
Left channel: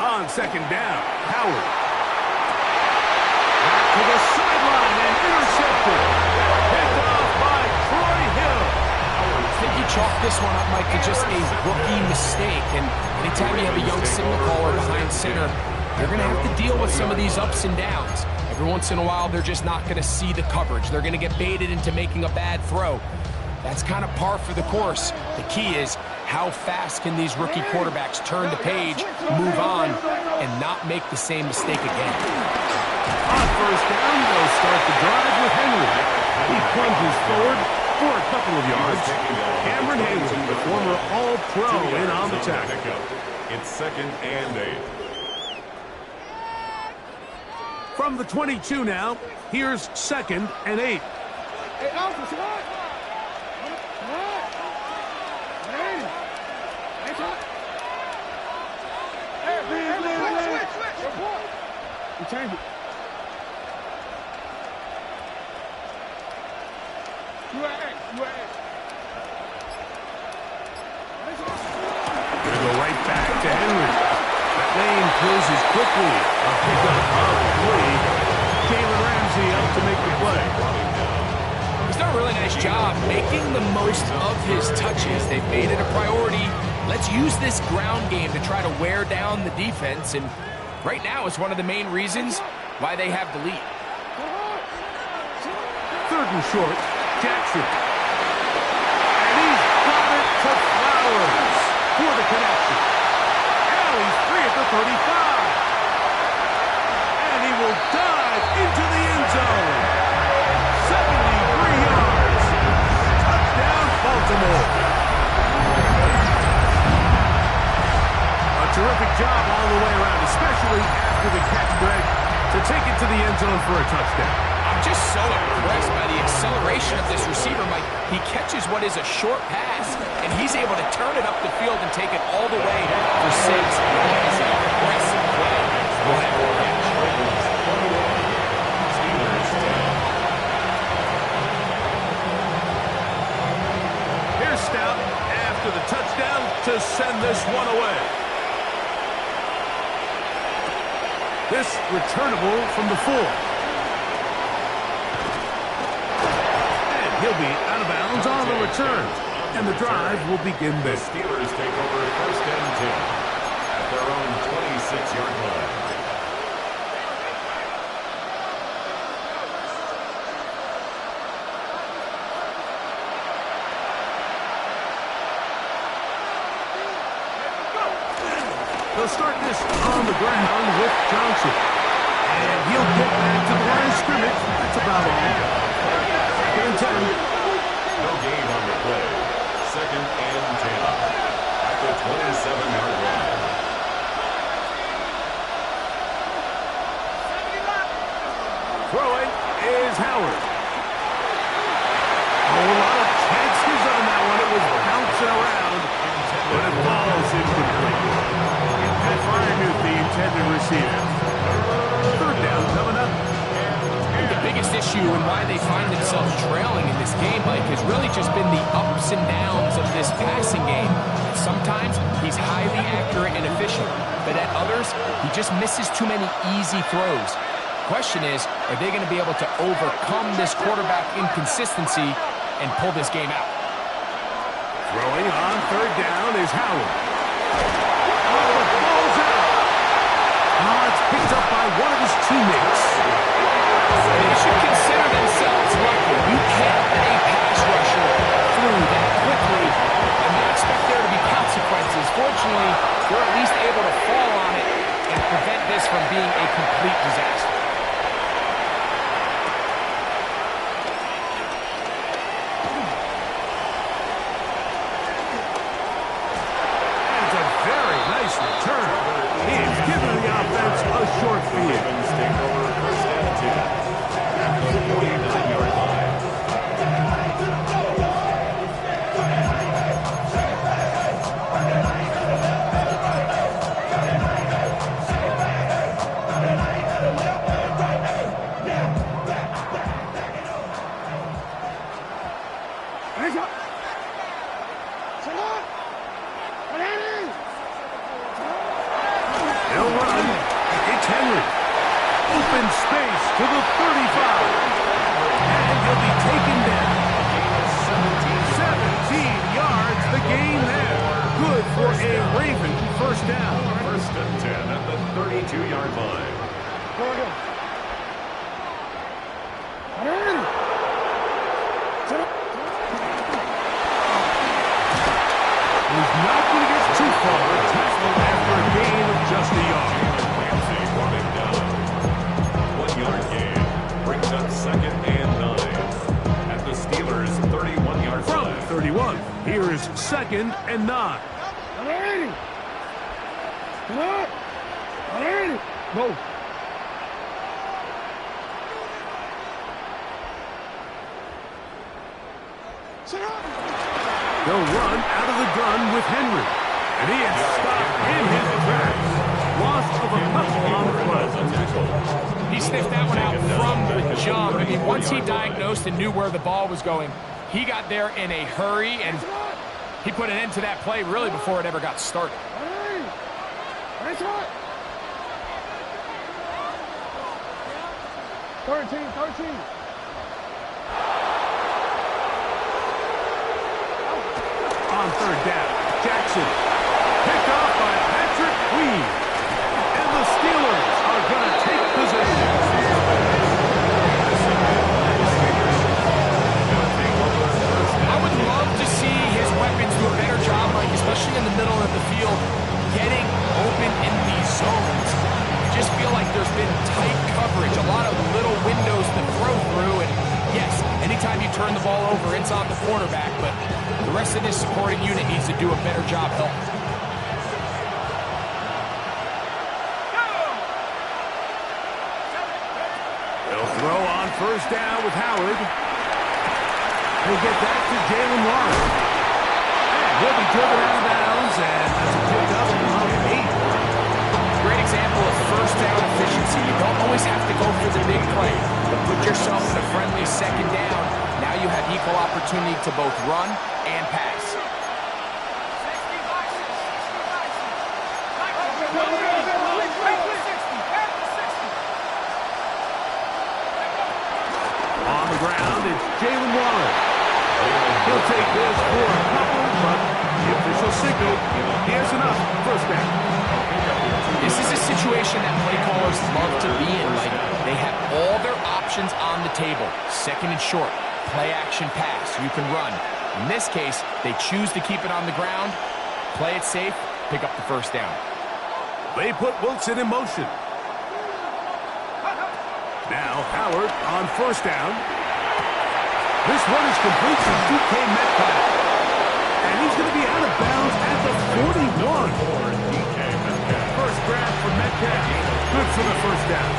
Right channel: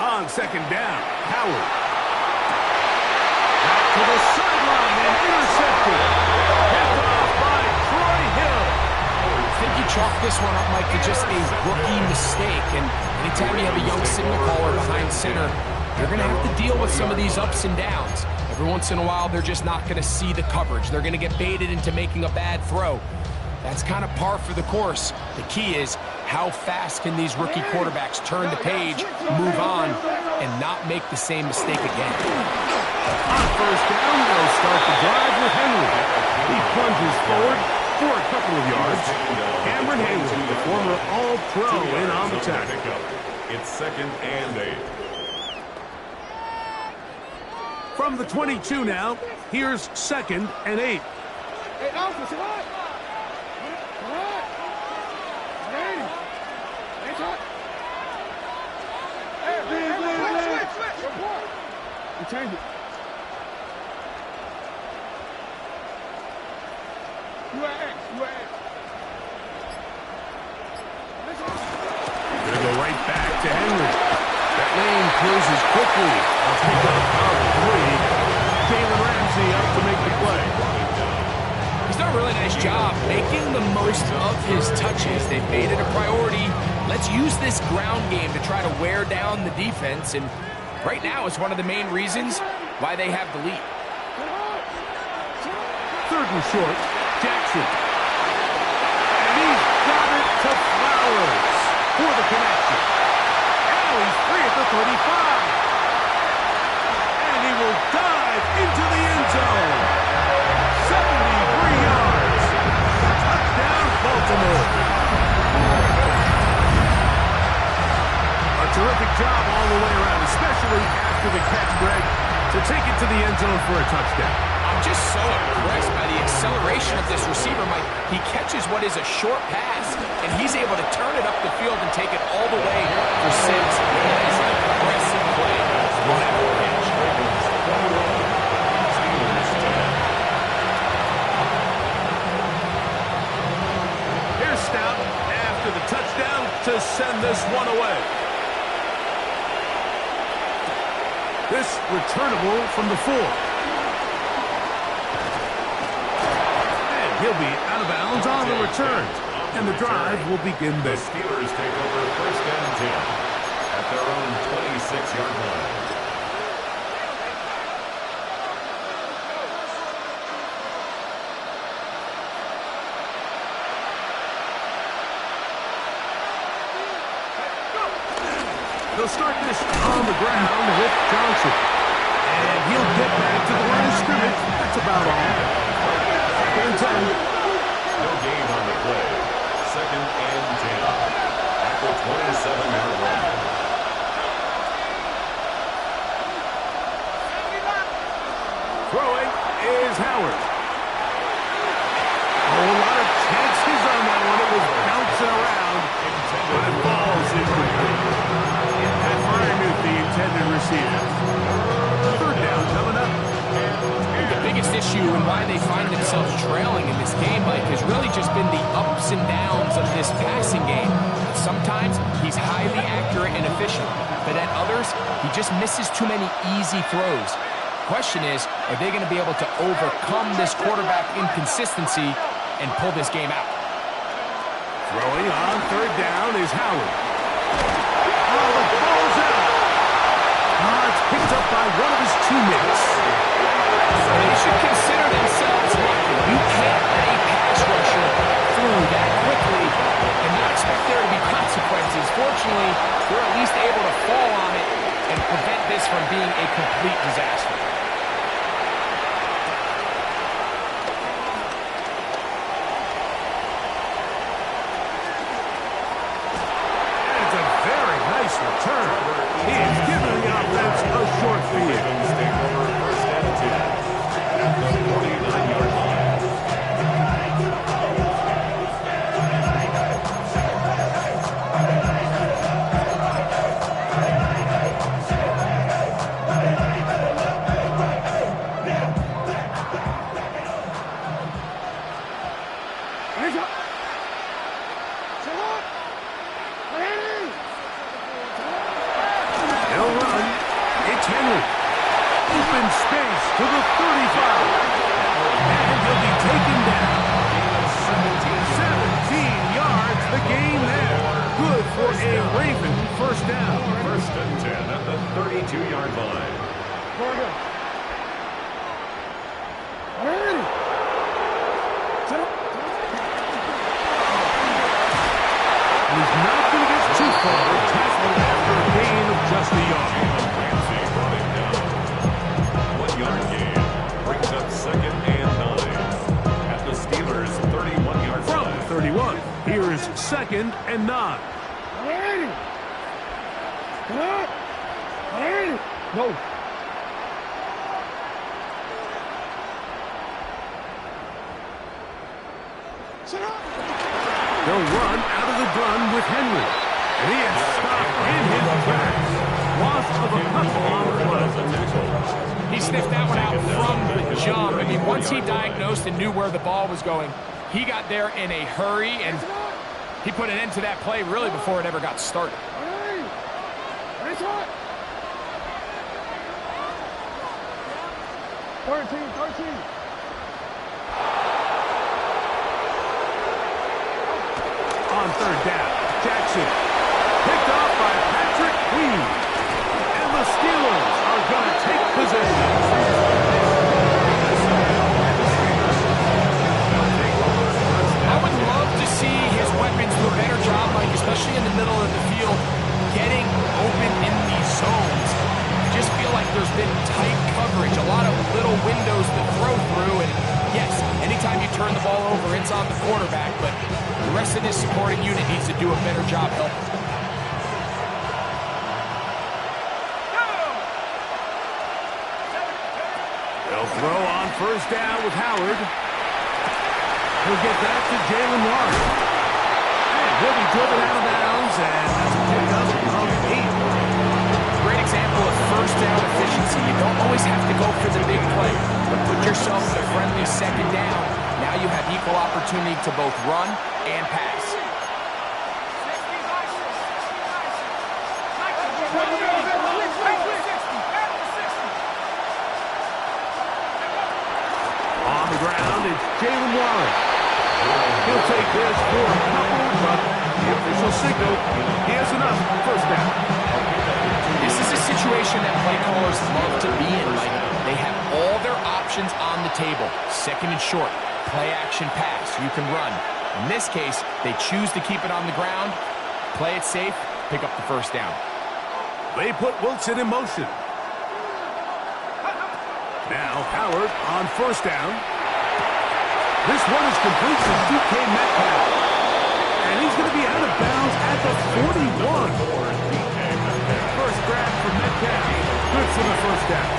On second down, Howard. Back to the sideline and intercepted. Picked off by Troy Hill. I think you chalk this one up, Mike, to just a rookie mistake. And anytime you have a young signal caller behind center, you're going to have to deal with some of these ups and downs. Every once in a while, they're just not going to see the coverage. They're going to get baited into making a bad throw. That's kind of par for the course. The key is, how fast can these rookie quarterbacks turn the page, move on, and not make the same mistake again? On first down, they'll start the drive with Henry. He plunges forward for a couple of yards. Cameron Hayward, the former All-Pro, in on the tackle. It's 2nd and 8. From the 22 now, here's 2nd and 8. Hey, Alpha, see what? What? Switch. We changed it. You at X. Gonna go right back to Henry. That lane closes quickly. A pickup of 3. Jalen Ramsey up to make the play. He's done a really nice job making the most of his touches. They've made it a priority. Let's use this ground game to try to wear down the defense, and right now it's one of the main reasons why they have the lead. 3rd and short, Jackson. And he's got it to Flowers for the connection. Now he's free at the 35. And he will dive into the end zone. 73 yards. Touchdown, Baltimore. A terrific job all the way around, especially after the catch, Greg, to take it to the end zone for a touchdown. I'm just so impressed by the acceleration of this receiver, Mike. He catches what is a short pass, and he's able to turn it up the field and take it all the way for 6. That is an impressive play. Run after catch. Steelers 10. Here's Stout after the touchdown to send this one away. This returnable from the 4. And he'll be out of bounds on the return. And the drive will begin The there. Steelers take over 1st and 10 at their own 26-yard line. They'll start this on the ground with Johnson. And he'll get back to the line of scrimmage. That's about all. 2nd and 10. No gain on the play. 2nd and 10 at the 27-yard line. Throwing is Howard. Oh, a lot of chances on that one. It was bouncing around, but it falls incomplete. Pat Fryermuth, the intended receiver. 3rd down coming up. The biggest issue and why they find themselves trailing in this game, Mike, has really just been the ups and downs of this passing game. Sometimes he's highly accurate and efficient, but at others, he just misses too many easy throws. Question is, are they going to be able to overcome this quarterback inconsistency and pull this game out? Throwing on 3rd down is Howard. Oh, the ball's out. Oh, it's picked up by one of his teammates. And they should consider themselves lucky. You can't let a pass rusher through that quickly and not expect there to be consequences. Fortunately, they're at least able to fall on it and prevent this from being a complete disaster. Return. He's giving the offense a short field. Ravens take over 1st and 10 at the 49-yard line. They'll run. It's Henry. Open space to the 35. And he'll be taken down. A gain of 17 yards, the gain there. Good for a Raven 1st down. 1st and 10 at the 32-yard line. He's not going to get too far. Tackled after a gain of just a yard. Jalen Ramsey brought him down. 1-yard gain brings up 2nd and 9 at the Steelers' 31-yard From line. 31, here is 2nd and 9. No. They'll run out of the gun with Henry. And he is stopped in his tracks. Loss of a couple on the play. He sniffed that one out from the jump. I mean, once he diagnosed and knew where the ball was going, he got there in a hurry, and he put an end to that play really before it ever got started. 13. On 3rd down, Jackson picked off by Patrick Queen. And the Steelers are going to take possession. I would love to see his weapons do a better job, Mike, especially in the middle of the field, getting open in these zones. I just feel like there's been tight coverage, a lot of little windows to throw through, and yes, anytime you turn the ball over, it's on the quarterback, but the rest of this supporting unit needs to do a better job helping. They'll throw on 1st down with Howard. He'll get that to Jalen Warren. And he'll be driven out of bounds, and that's a pickup of 8. Great example of 1st down efficiency. You don't always have to go for the big play, but put yourself in a friendly 2nd down. Now you have equal opportunity to both run and pass. On the ground, it's Jalen Warren. He'll take this for a couple, but the official signal, he has enough. 1st down. This is a situation that play callers love to be in, Mike. They have all their options on the table. 2nd and short, play action pass, you can run. In this case, they choose to keep it on the ground, play it safe, pick up the 1st down. They put Wilson in motion. Now Howard on first down. This one is complete to DK Metcalf. And he's going to be out of bounds at the 41. First grab for Metcalf. Good for the first down.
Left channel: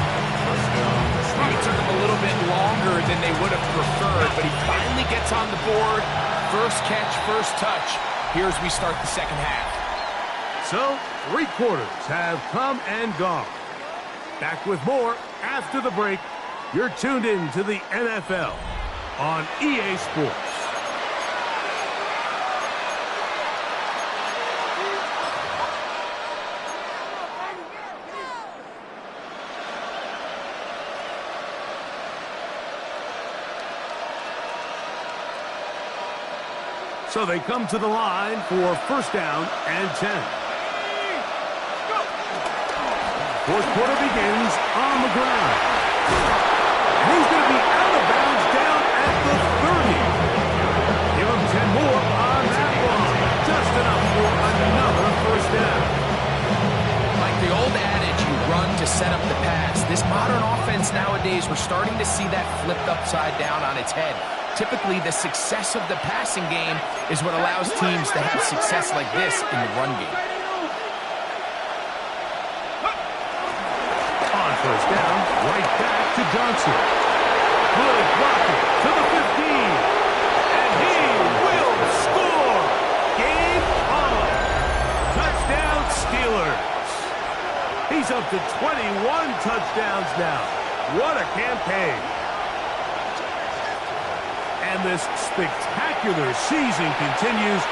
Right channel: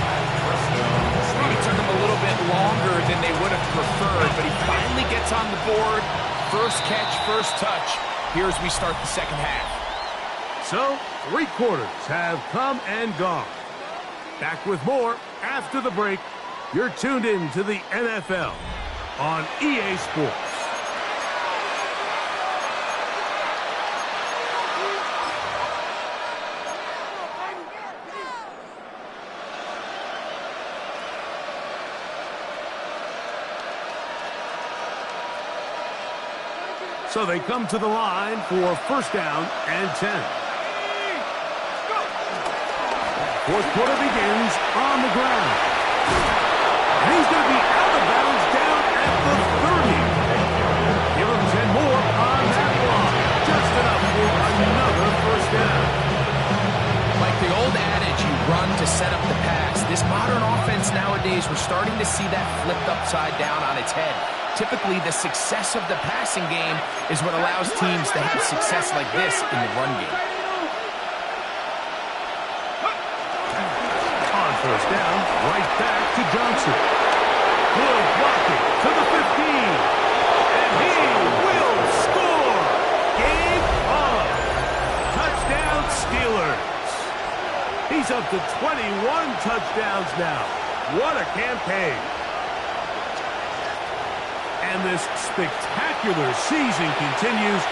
It took him a little bit longer than they would have preferred, but he finally gets on the board. First catch, first touch. Here as we start the second half. So, 3 quarters have come and gone. Back with more after the break. You're tuned in to the NFL on EA Sports. So they come to the line for first down and 10. Fourth quarter begins on the ground. And he's going to be out of bounds down at the 30. Give him 10 more on that one. Just enough for another first down. Like the old adage, you run to set up the pass. This modern offense nowadays, we're starting to see that flipped upside down on its head. Typically, the success of the passing game is what allows teams to have success like this in the run game. On first down, right back to Johnson. Good blocking to the 15. And he will score. Game on. Touchdown Steelers. He's up to 21 touchdowns now. What a campaign. And this spectacular season continues.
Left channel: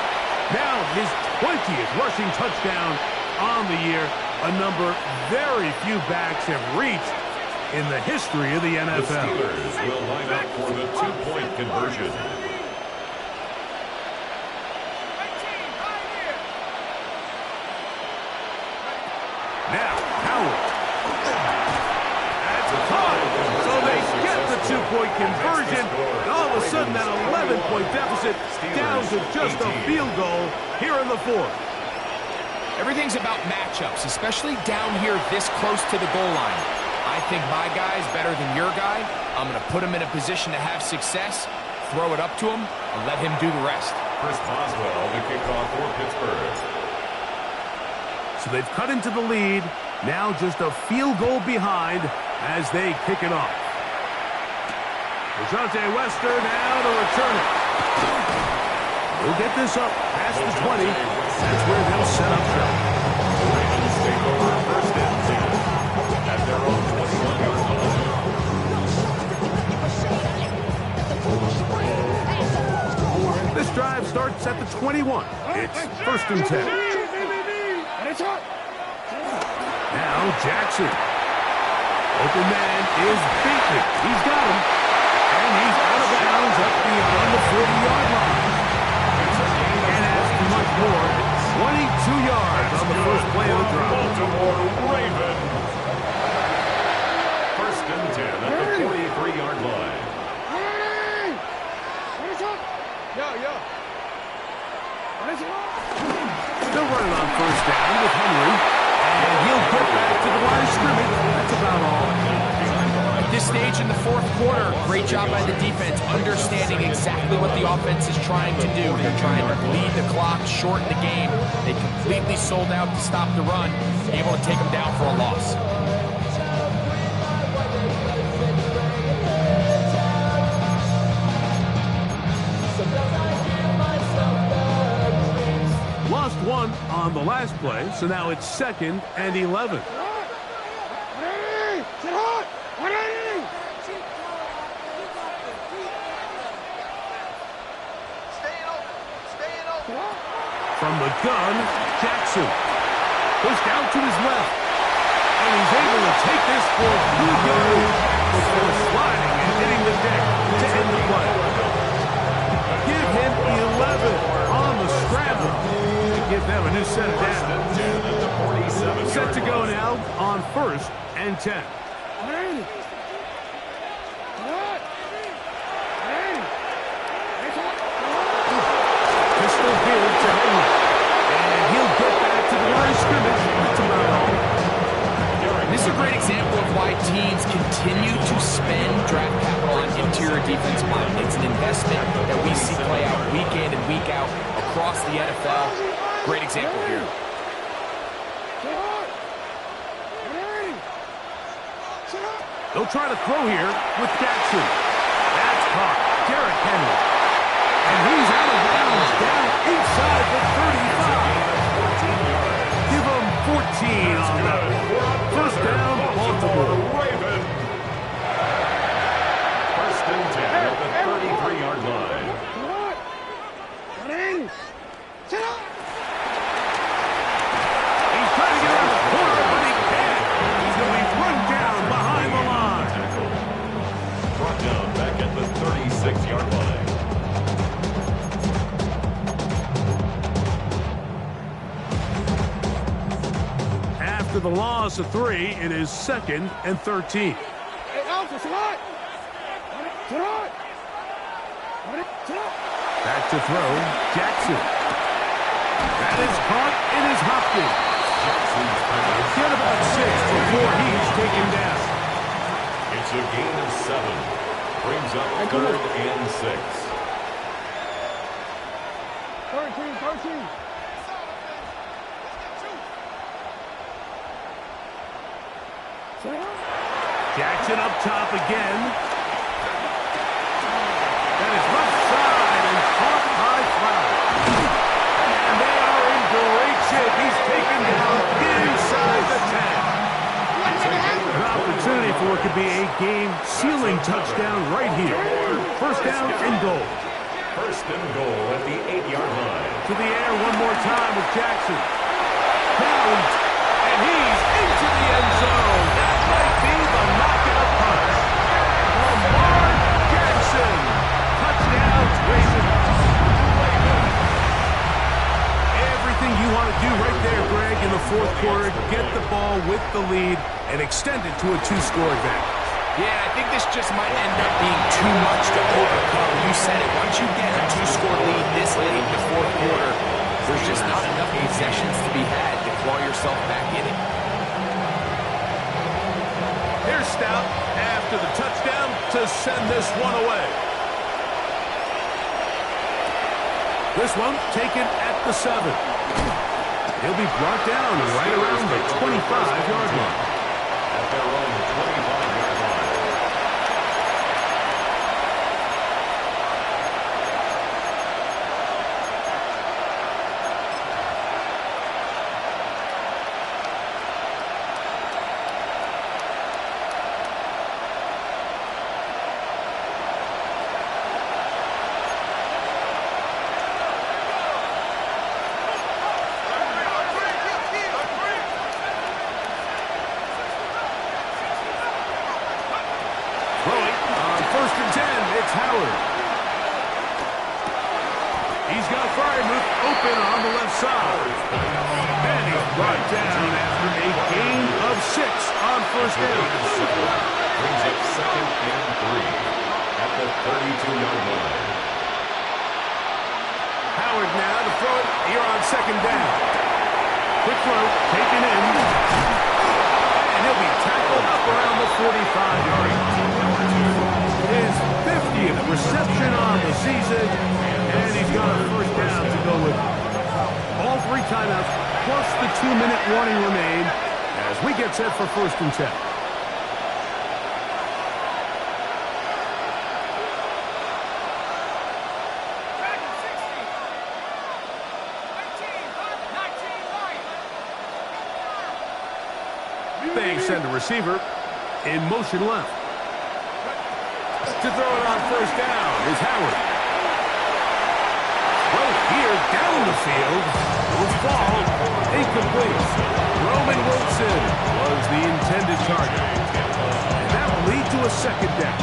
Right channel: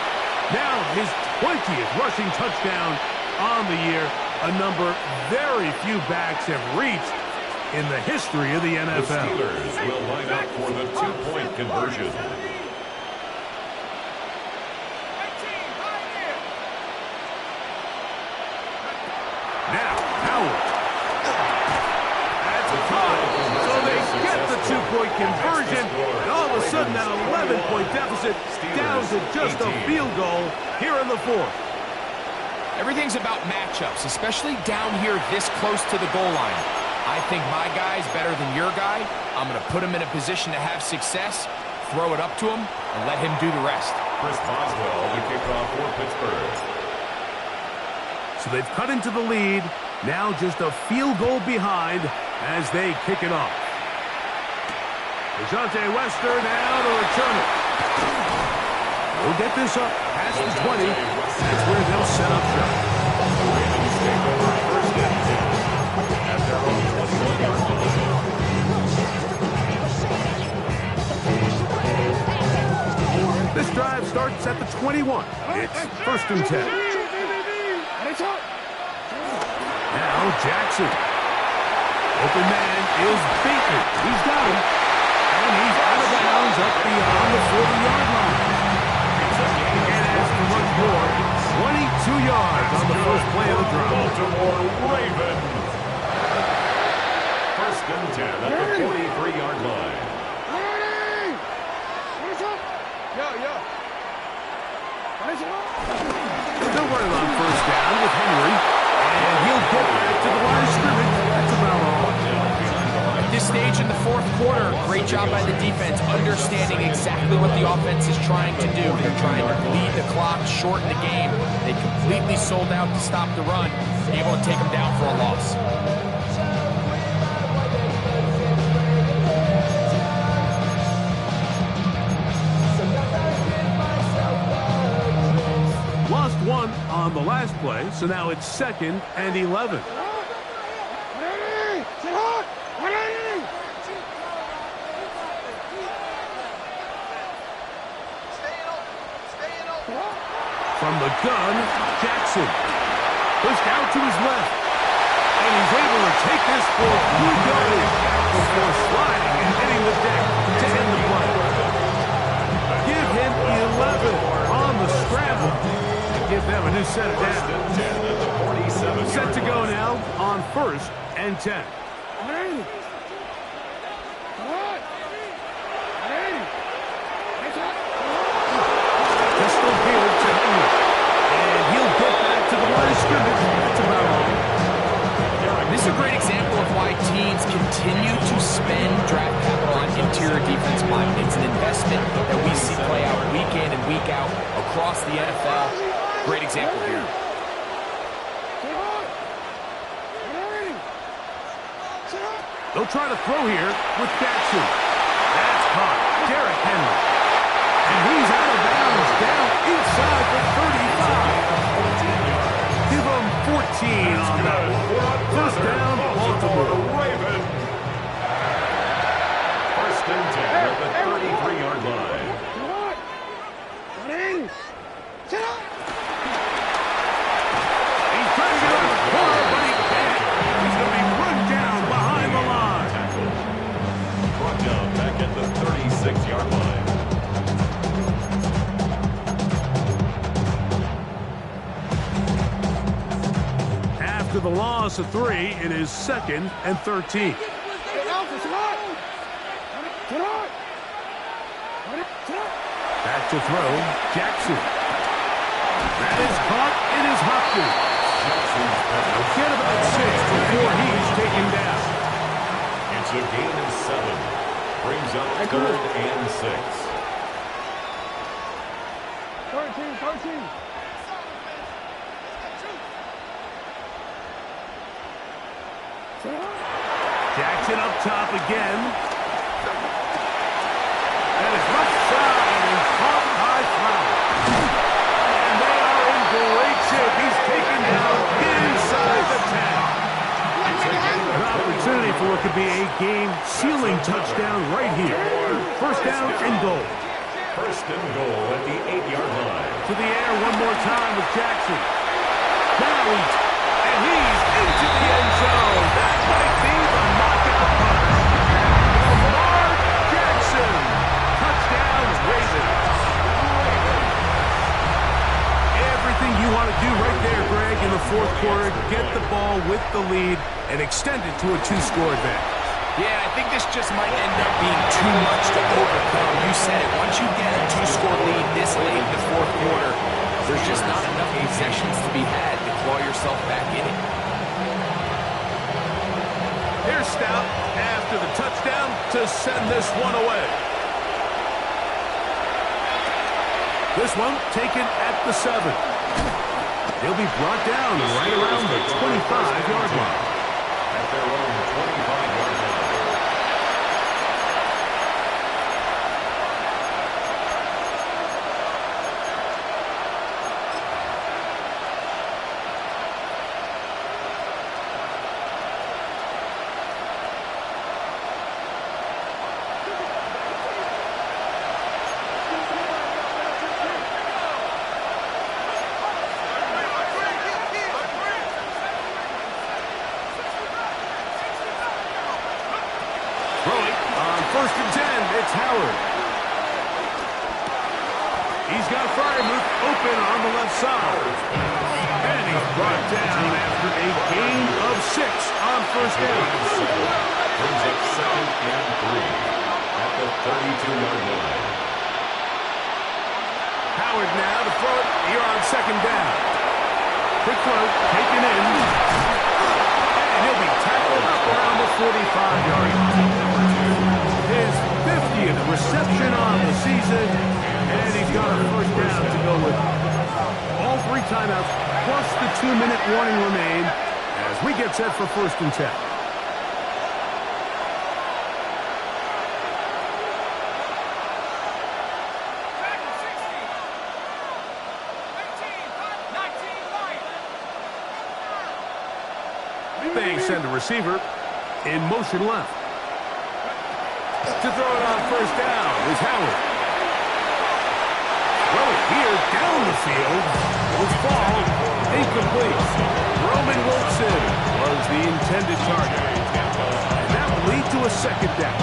Now his 20th rushing touchdown on the year, a number very few backs have reached in the history of the NFL. The Steelers will line up for the 2-point conversion. Now, Howard. That's a time. So they get the 2-point conversion. And all of a sudden, that 11-point deficit down to just a field goal here in the fourth. Everything's about matchups, especially down here this close to the goal line. I think my guy's better than your guy. I'm going to put him in a position to have success, throw it up to him, and let him do the rest. Chris Boswell, the kickoff for Pittsburgh. So they've cut into the lead. Now just a field goal behind as they kick it off. Dejounte Wester now to return it. We'll get this up past the 20. That's where they'll set up shop. The Ravens take over first and 10 at their own 21-yard line. This drive starts at the 21. It's first and 10. Now Jackson. Open man is beaten. He's got him. And he's out of bounds up beyond the 40-yard line. Can't ask for much more. 22 yards on the first play of the drive. Baltimore Ravens. First and 10 at the 43-yard line. Still running on first down with Henry. And he'll get back to the line of scrimmage. That's about all. At this stage in the fourth quarter, great job by the defense, understanding exactly what the offense is trying to do. They're trying to lead the clock, shorten the game. They completely sold out to stop the run, able to take them down for a loss. Lost one on the last play, so now it's second and 11. From the gun, Jackson. Pushed out to his left. And he's able to take this for good yardage before sliding and hitting the deck to end the play. Give him 11 on the scramble to give them a new set of down. Set to go now on first and 10. Pistol here to Henry. And he'll get back to the line of scrimmage. That's about all. This is a great example of why teams continue to spend draft capital on interior defense linemen. It's an investment that we see play out week in and week out across the NFL. Great example here. They'll try to throw here with Jackson. That's caught. Derrick Henry. And he's out of bounds down inside the 35. Give him 14 on that one. First down, Baltimore. Raven. First and 10 at the 33-yard line. He's trying to get out of the corner, but he can't. He's going to be run down behind the line. Tackle. Brought down back at the 36-yard line. After the loss of 3, it is 2nd and 13. Back to throw, Jackson. That is caught. It is Hopkins. Jackson's pass. Get about 6 before he's taken down. It's a gain of 7. Brings up 3rd and 6. 13. Jackson up top again. That is left side and caught by Flowers. And they are in great shape. He's taken down inside the 10. An opportunity for it could be a game-sealing touchdown right here. First down and goal. First and goal at the 8-yard line. To the air one more time with Jackson. Now he's into the end zone. That might be the knockout punch. Lamar Jackson. Touchdown, Ravens. Everything you want to do right there, Greg, in the fourth quarter. Get the ball with the lead and extend it to a 2-score advantage. Yeah, I think this just might end up being too much to overcome. You said it. Once you get a 2-score lead this late in the fourth quarter, there's just not enough possessions to be had to claw yourself back in it. Here's Stout after the touchdown to send this one away. This one taken at the 7. He'll be brought down right around the 25-yard line. At their own 25-yard line. First and 10, it's Howard. He's got Freiermuth open on the left side. And he's brought down after a gain of 6 on first down. Brings up 2nd and 3 at the 32-yard line. Howard now to throw it here on 2nd down. Quick throw, taken in. And he'll be tackled up around the 45-yard line. His 50th reception on the season, and he's got a first down to go with all 3 timeouts, plus the 2-minute warning remain as we get set for 1st and 10. They send a receiver in motion left. To throw it on first down is Howard. Throw it here down the field. Will fall. Incomplete. Roman Wilson was the intended target. And that will lead to a 2nd down.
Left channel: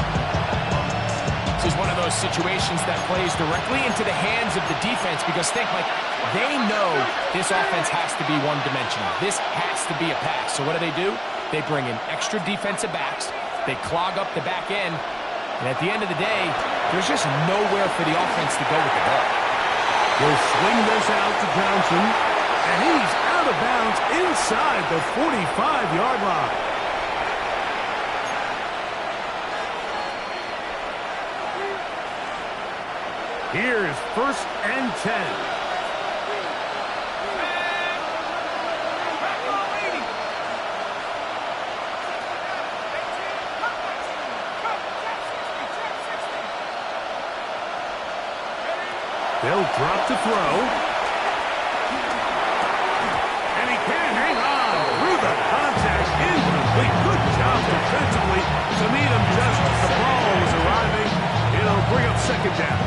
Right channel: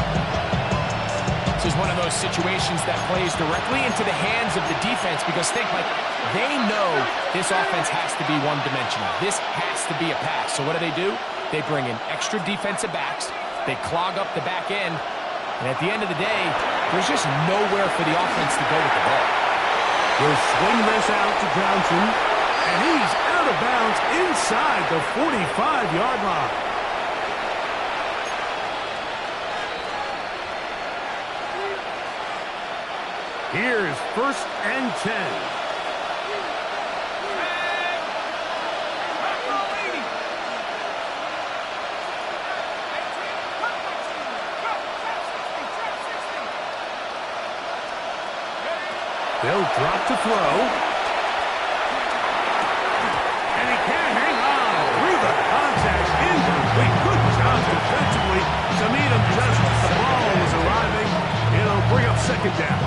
This is one of those situations that plays directly into the hands of the defense because think, like, they know this offense has to be one-dimensional. This has to be a pass. So what do? They bring in extra defensive backs. They clog up the back end. And at the end of the day, there's just nowhere for the offense to go with the ball. Will swing this out to Johnson. And he's out of bounds inside the 45-yard line. Here's 1st and 10. They'll drop to throw. And he can't hang on. Through the contact. Incomplete. Good job defensively to meet him just as the ball was arriving. It'll bring up 2nd down.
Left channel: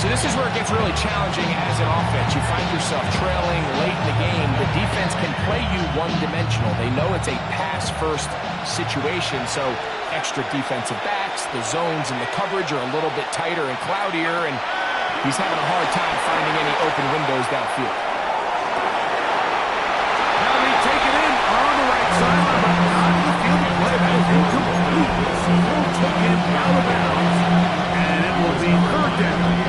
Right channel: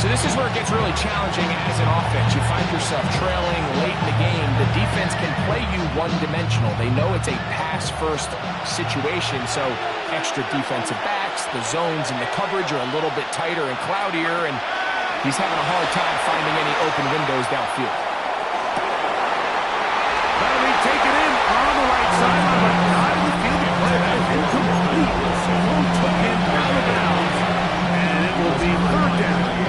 So this is where it gets really challenging as an offense. You find yourself trailing late in the game. The defense can play you one-dimensional. They know it's a pass-first situation, so extra defensive backs, the zones and the coverage are a little bit tighter and cloudier, and he's having a hard time finding any open windows downfield. That'll be taken in on the right sideline, but not in the field of play. That is incomplete. Throw took him out of bounds, and it will be 3rd down.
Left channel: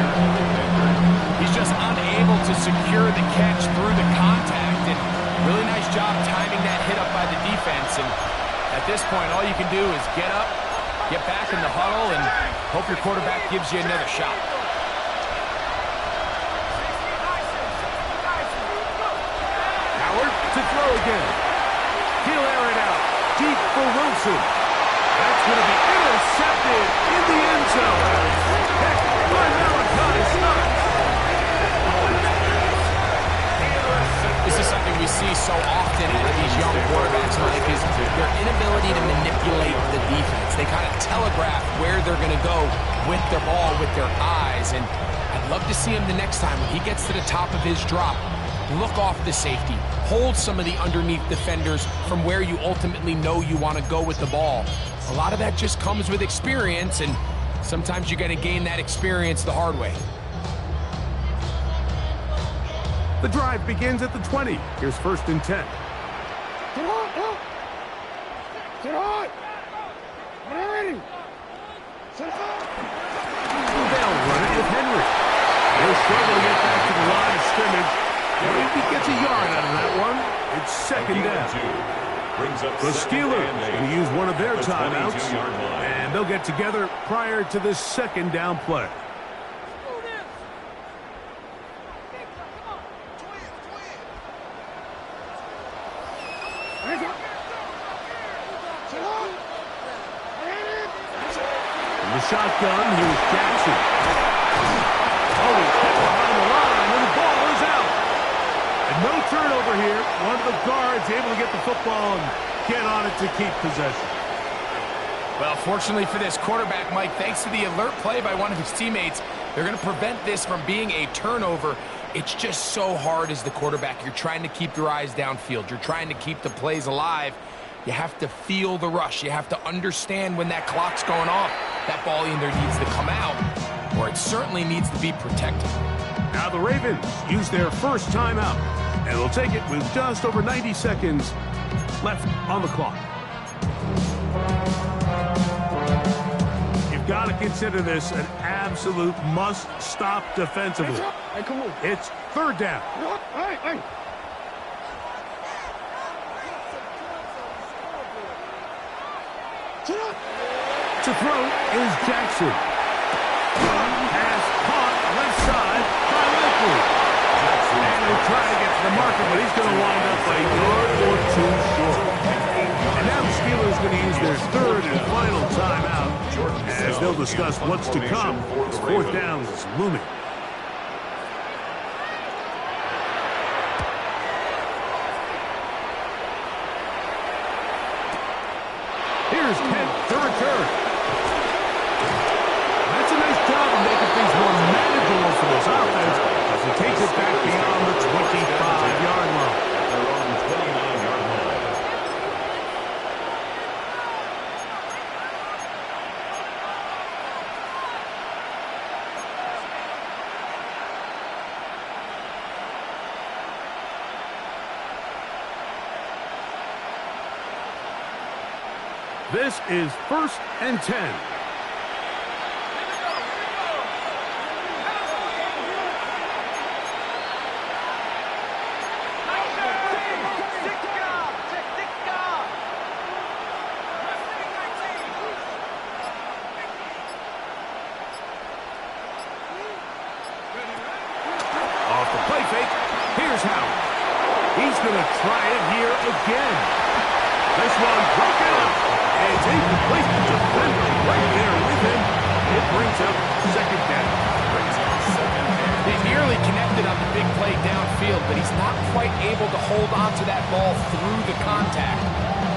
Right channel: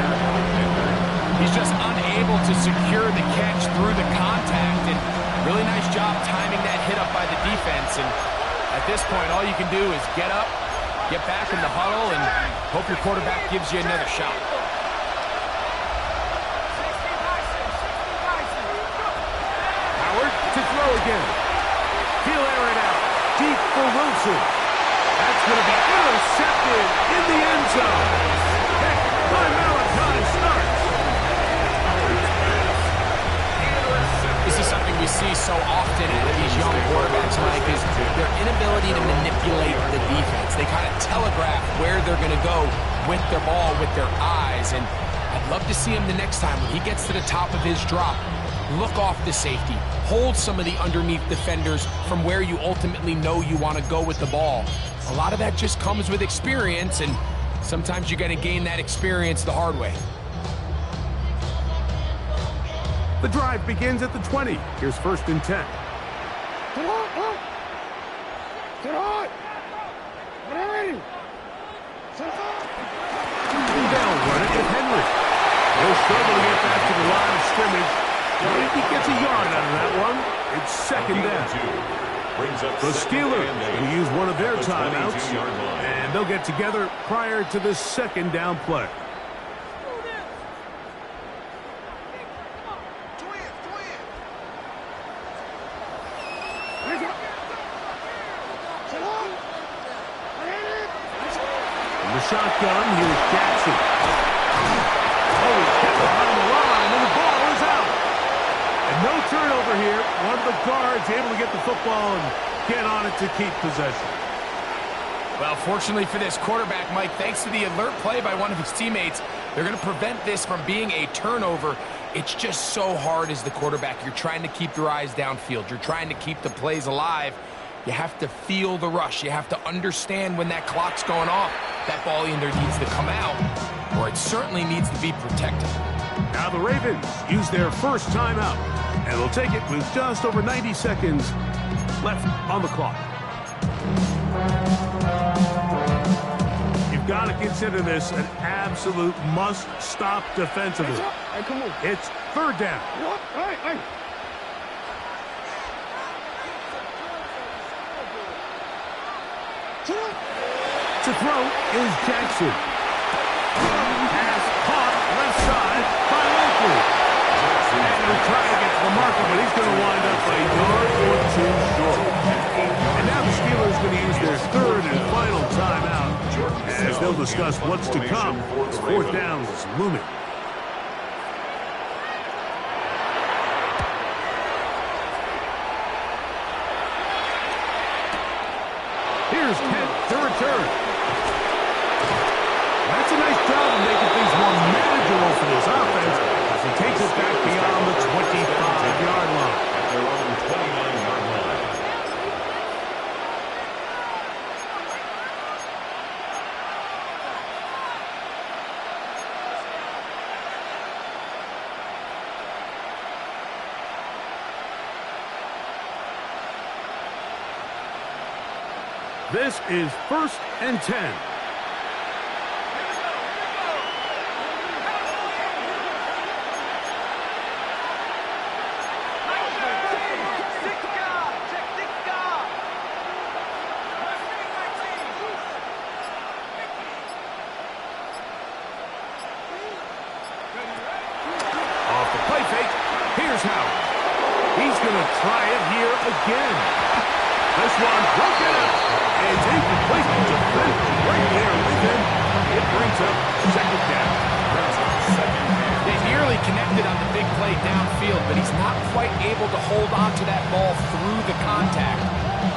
He's just unable to secure the catch through the contact, and really nice job timing that hit up by the defense. And at this point, all you can do is get up, get back in the huddle, and hope your quarterback gives you another shot. Howard to throw again. He'll air it out. Deep for Wilson. That's going to be intercepted in the end zone. Heck, by Malachi starts. This is something we see so often out of these young quarterbacks, Mike, is their inability to manipulate the defense. They kind of telegraph where they're going to go with their ball, with their eyes, and I'd love to see him the next time when he gets to the top of his drop. Look off the safety. Hold some of the underneath defenders from where you ultimately know you want to go with the ball. A lot of that just comes with experience, and sometimes you're going to gain that experience the hard way. The drive begins at the 20. Here's 1st and 10. Get on! Get on! Ready! They'll run it with Henry. He'll struggle to get back to the line of scrimmage. And if he gets a yard out of that one, it's 2nd down. The Steelers going to use one of their timeouts, and they'll get together prior to the 2nd down play. From the shotgun, here's Jackson. Oh, he's hit behind the line, and the ball is out. And no turnover here. One of the guards able to get the football and get on it to keep possession. Well, fortunately for this quarterback, Mike, thanks to the alert play by one of his teammates, they're going to prevent this from being a turnover. It's just so hard as the quarterback. You're trying to keep your eyes downfield. You're trying to keep the plays alive. You have to feel the rush. You have to understand when that clock's going off. That ball either needs to come out, or it certainly needs to be protected. Now the Ravens use their first timeout, and they'll take it with just over 90 seconds left on the clock. You've got to consider this an absolute must-stop defensively. Hey, come on. It's 3rd down. Hey. To throw is Jackson. Pass caught left side by Likely. And he'll try to get to the marker, but he's going to wind up a yard or 2 short. And now the Steelers are going to use their 3rd and final timeout as they'll discuss what's to come. 4th down is looming. Here's Kent to return. That's a nice job of making things more manageable for this offense as he takes it back beyond the 25-yard line. At their own 29-yard line. This is 1st and 10. He's going to try it here again. This one broken up. And it's incomplete. Defender right there with him. It brings up second down. They nearly connected on the big play downfield, but he's not quite able to hold on to that ball through the contact.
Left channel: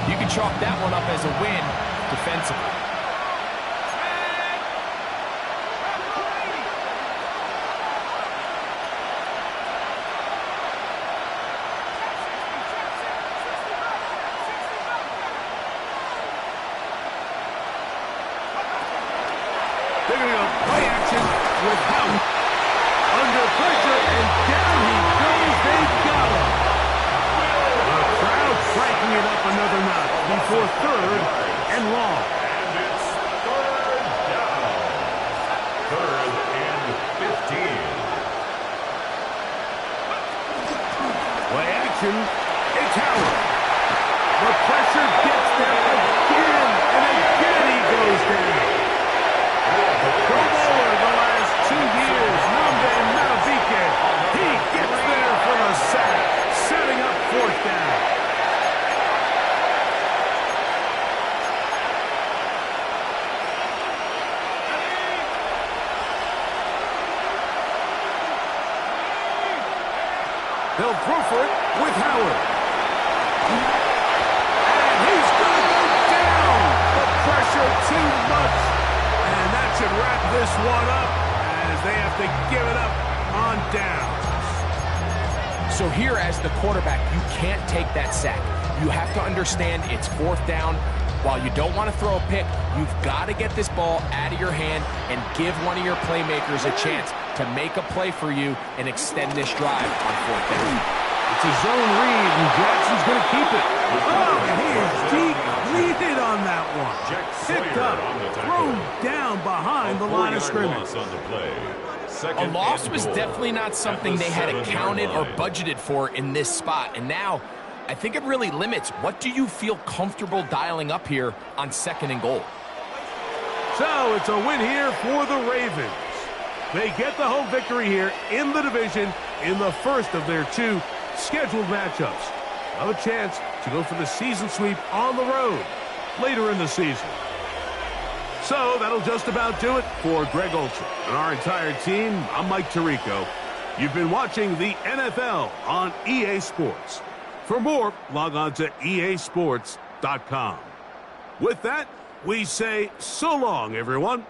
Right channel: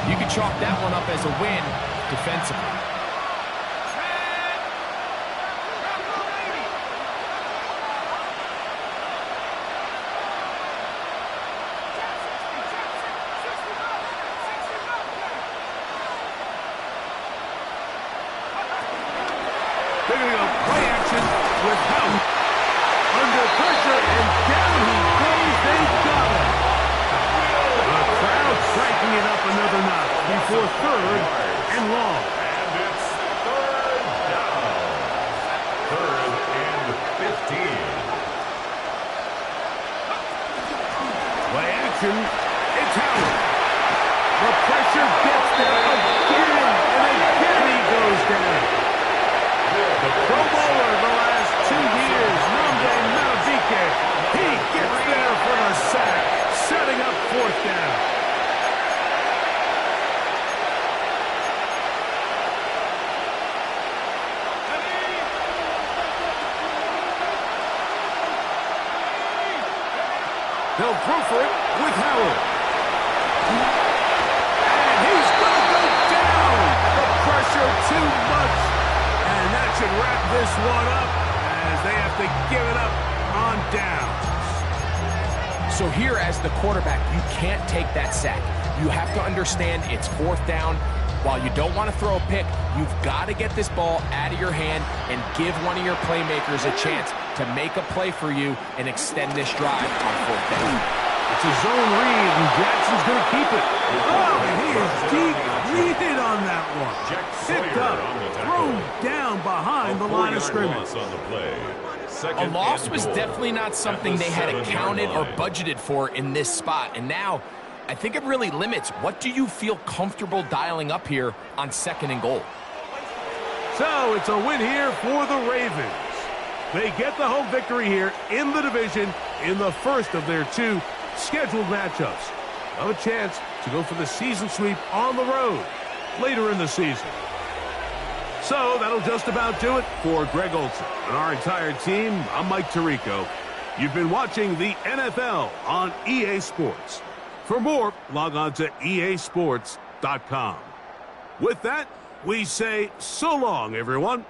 You can chalk that one up as a win defensively. They're going to go play action with Howard. Under pressure, and down he goes. They've got him. The crowd cranking it up another notch before third and long. And it's third down. Third and 15. Play action. It's Howard. The pressure gets there again, and again he goes down. The Pro Bowler the last 2 years, Namde Matabike. He gets there for the sack, setting up fourth down. They'll throw for it with Howard. And he's going to go down. The pressure too much. And that should wrap this one up as they have to give it up on downs. So here as the quarterback, you can't take that sack. You have to understand it's fourth down. While you don't want to throw a pick, you've got to get this ball out of your hand and give one of your playmakers a chance to make a play for you and extend this drive on fourth down. It's a zone read, and Jackson's going to keep it. Oh, and he is depleted on that one. Picked up, thrown down behind the line of scrimmage. A loss was definitely not something they had accounted or budgeted for in this spot. And now, I think it really limits what do you feel comfortable dialing up here on second and goal. So it's a win here for the Ravens. They get the home victory here in the division in the first of their 2 scheduled matchups. Have a chance to go for the season sweep on the road later in the season. So that'll just about do it for Greg Olson and our entire team. I'm Mike Tirico. You've been watching the NFL on EA Sports. For more, log on to easports.com. With that, we say so long, everyone.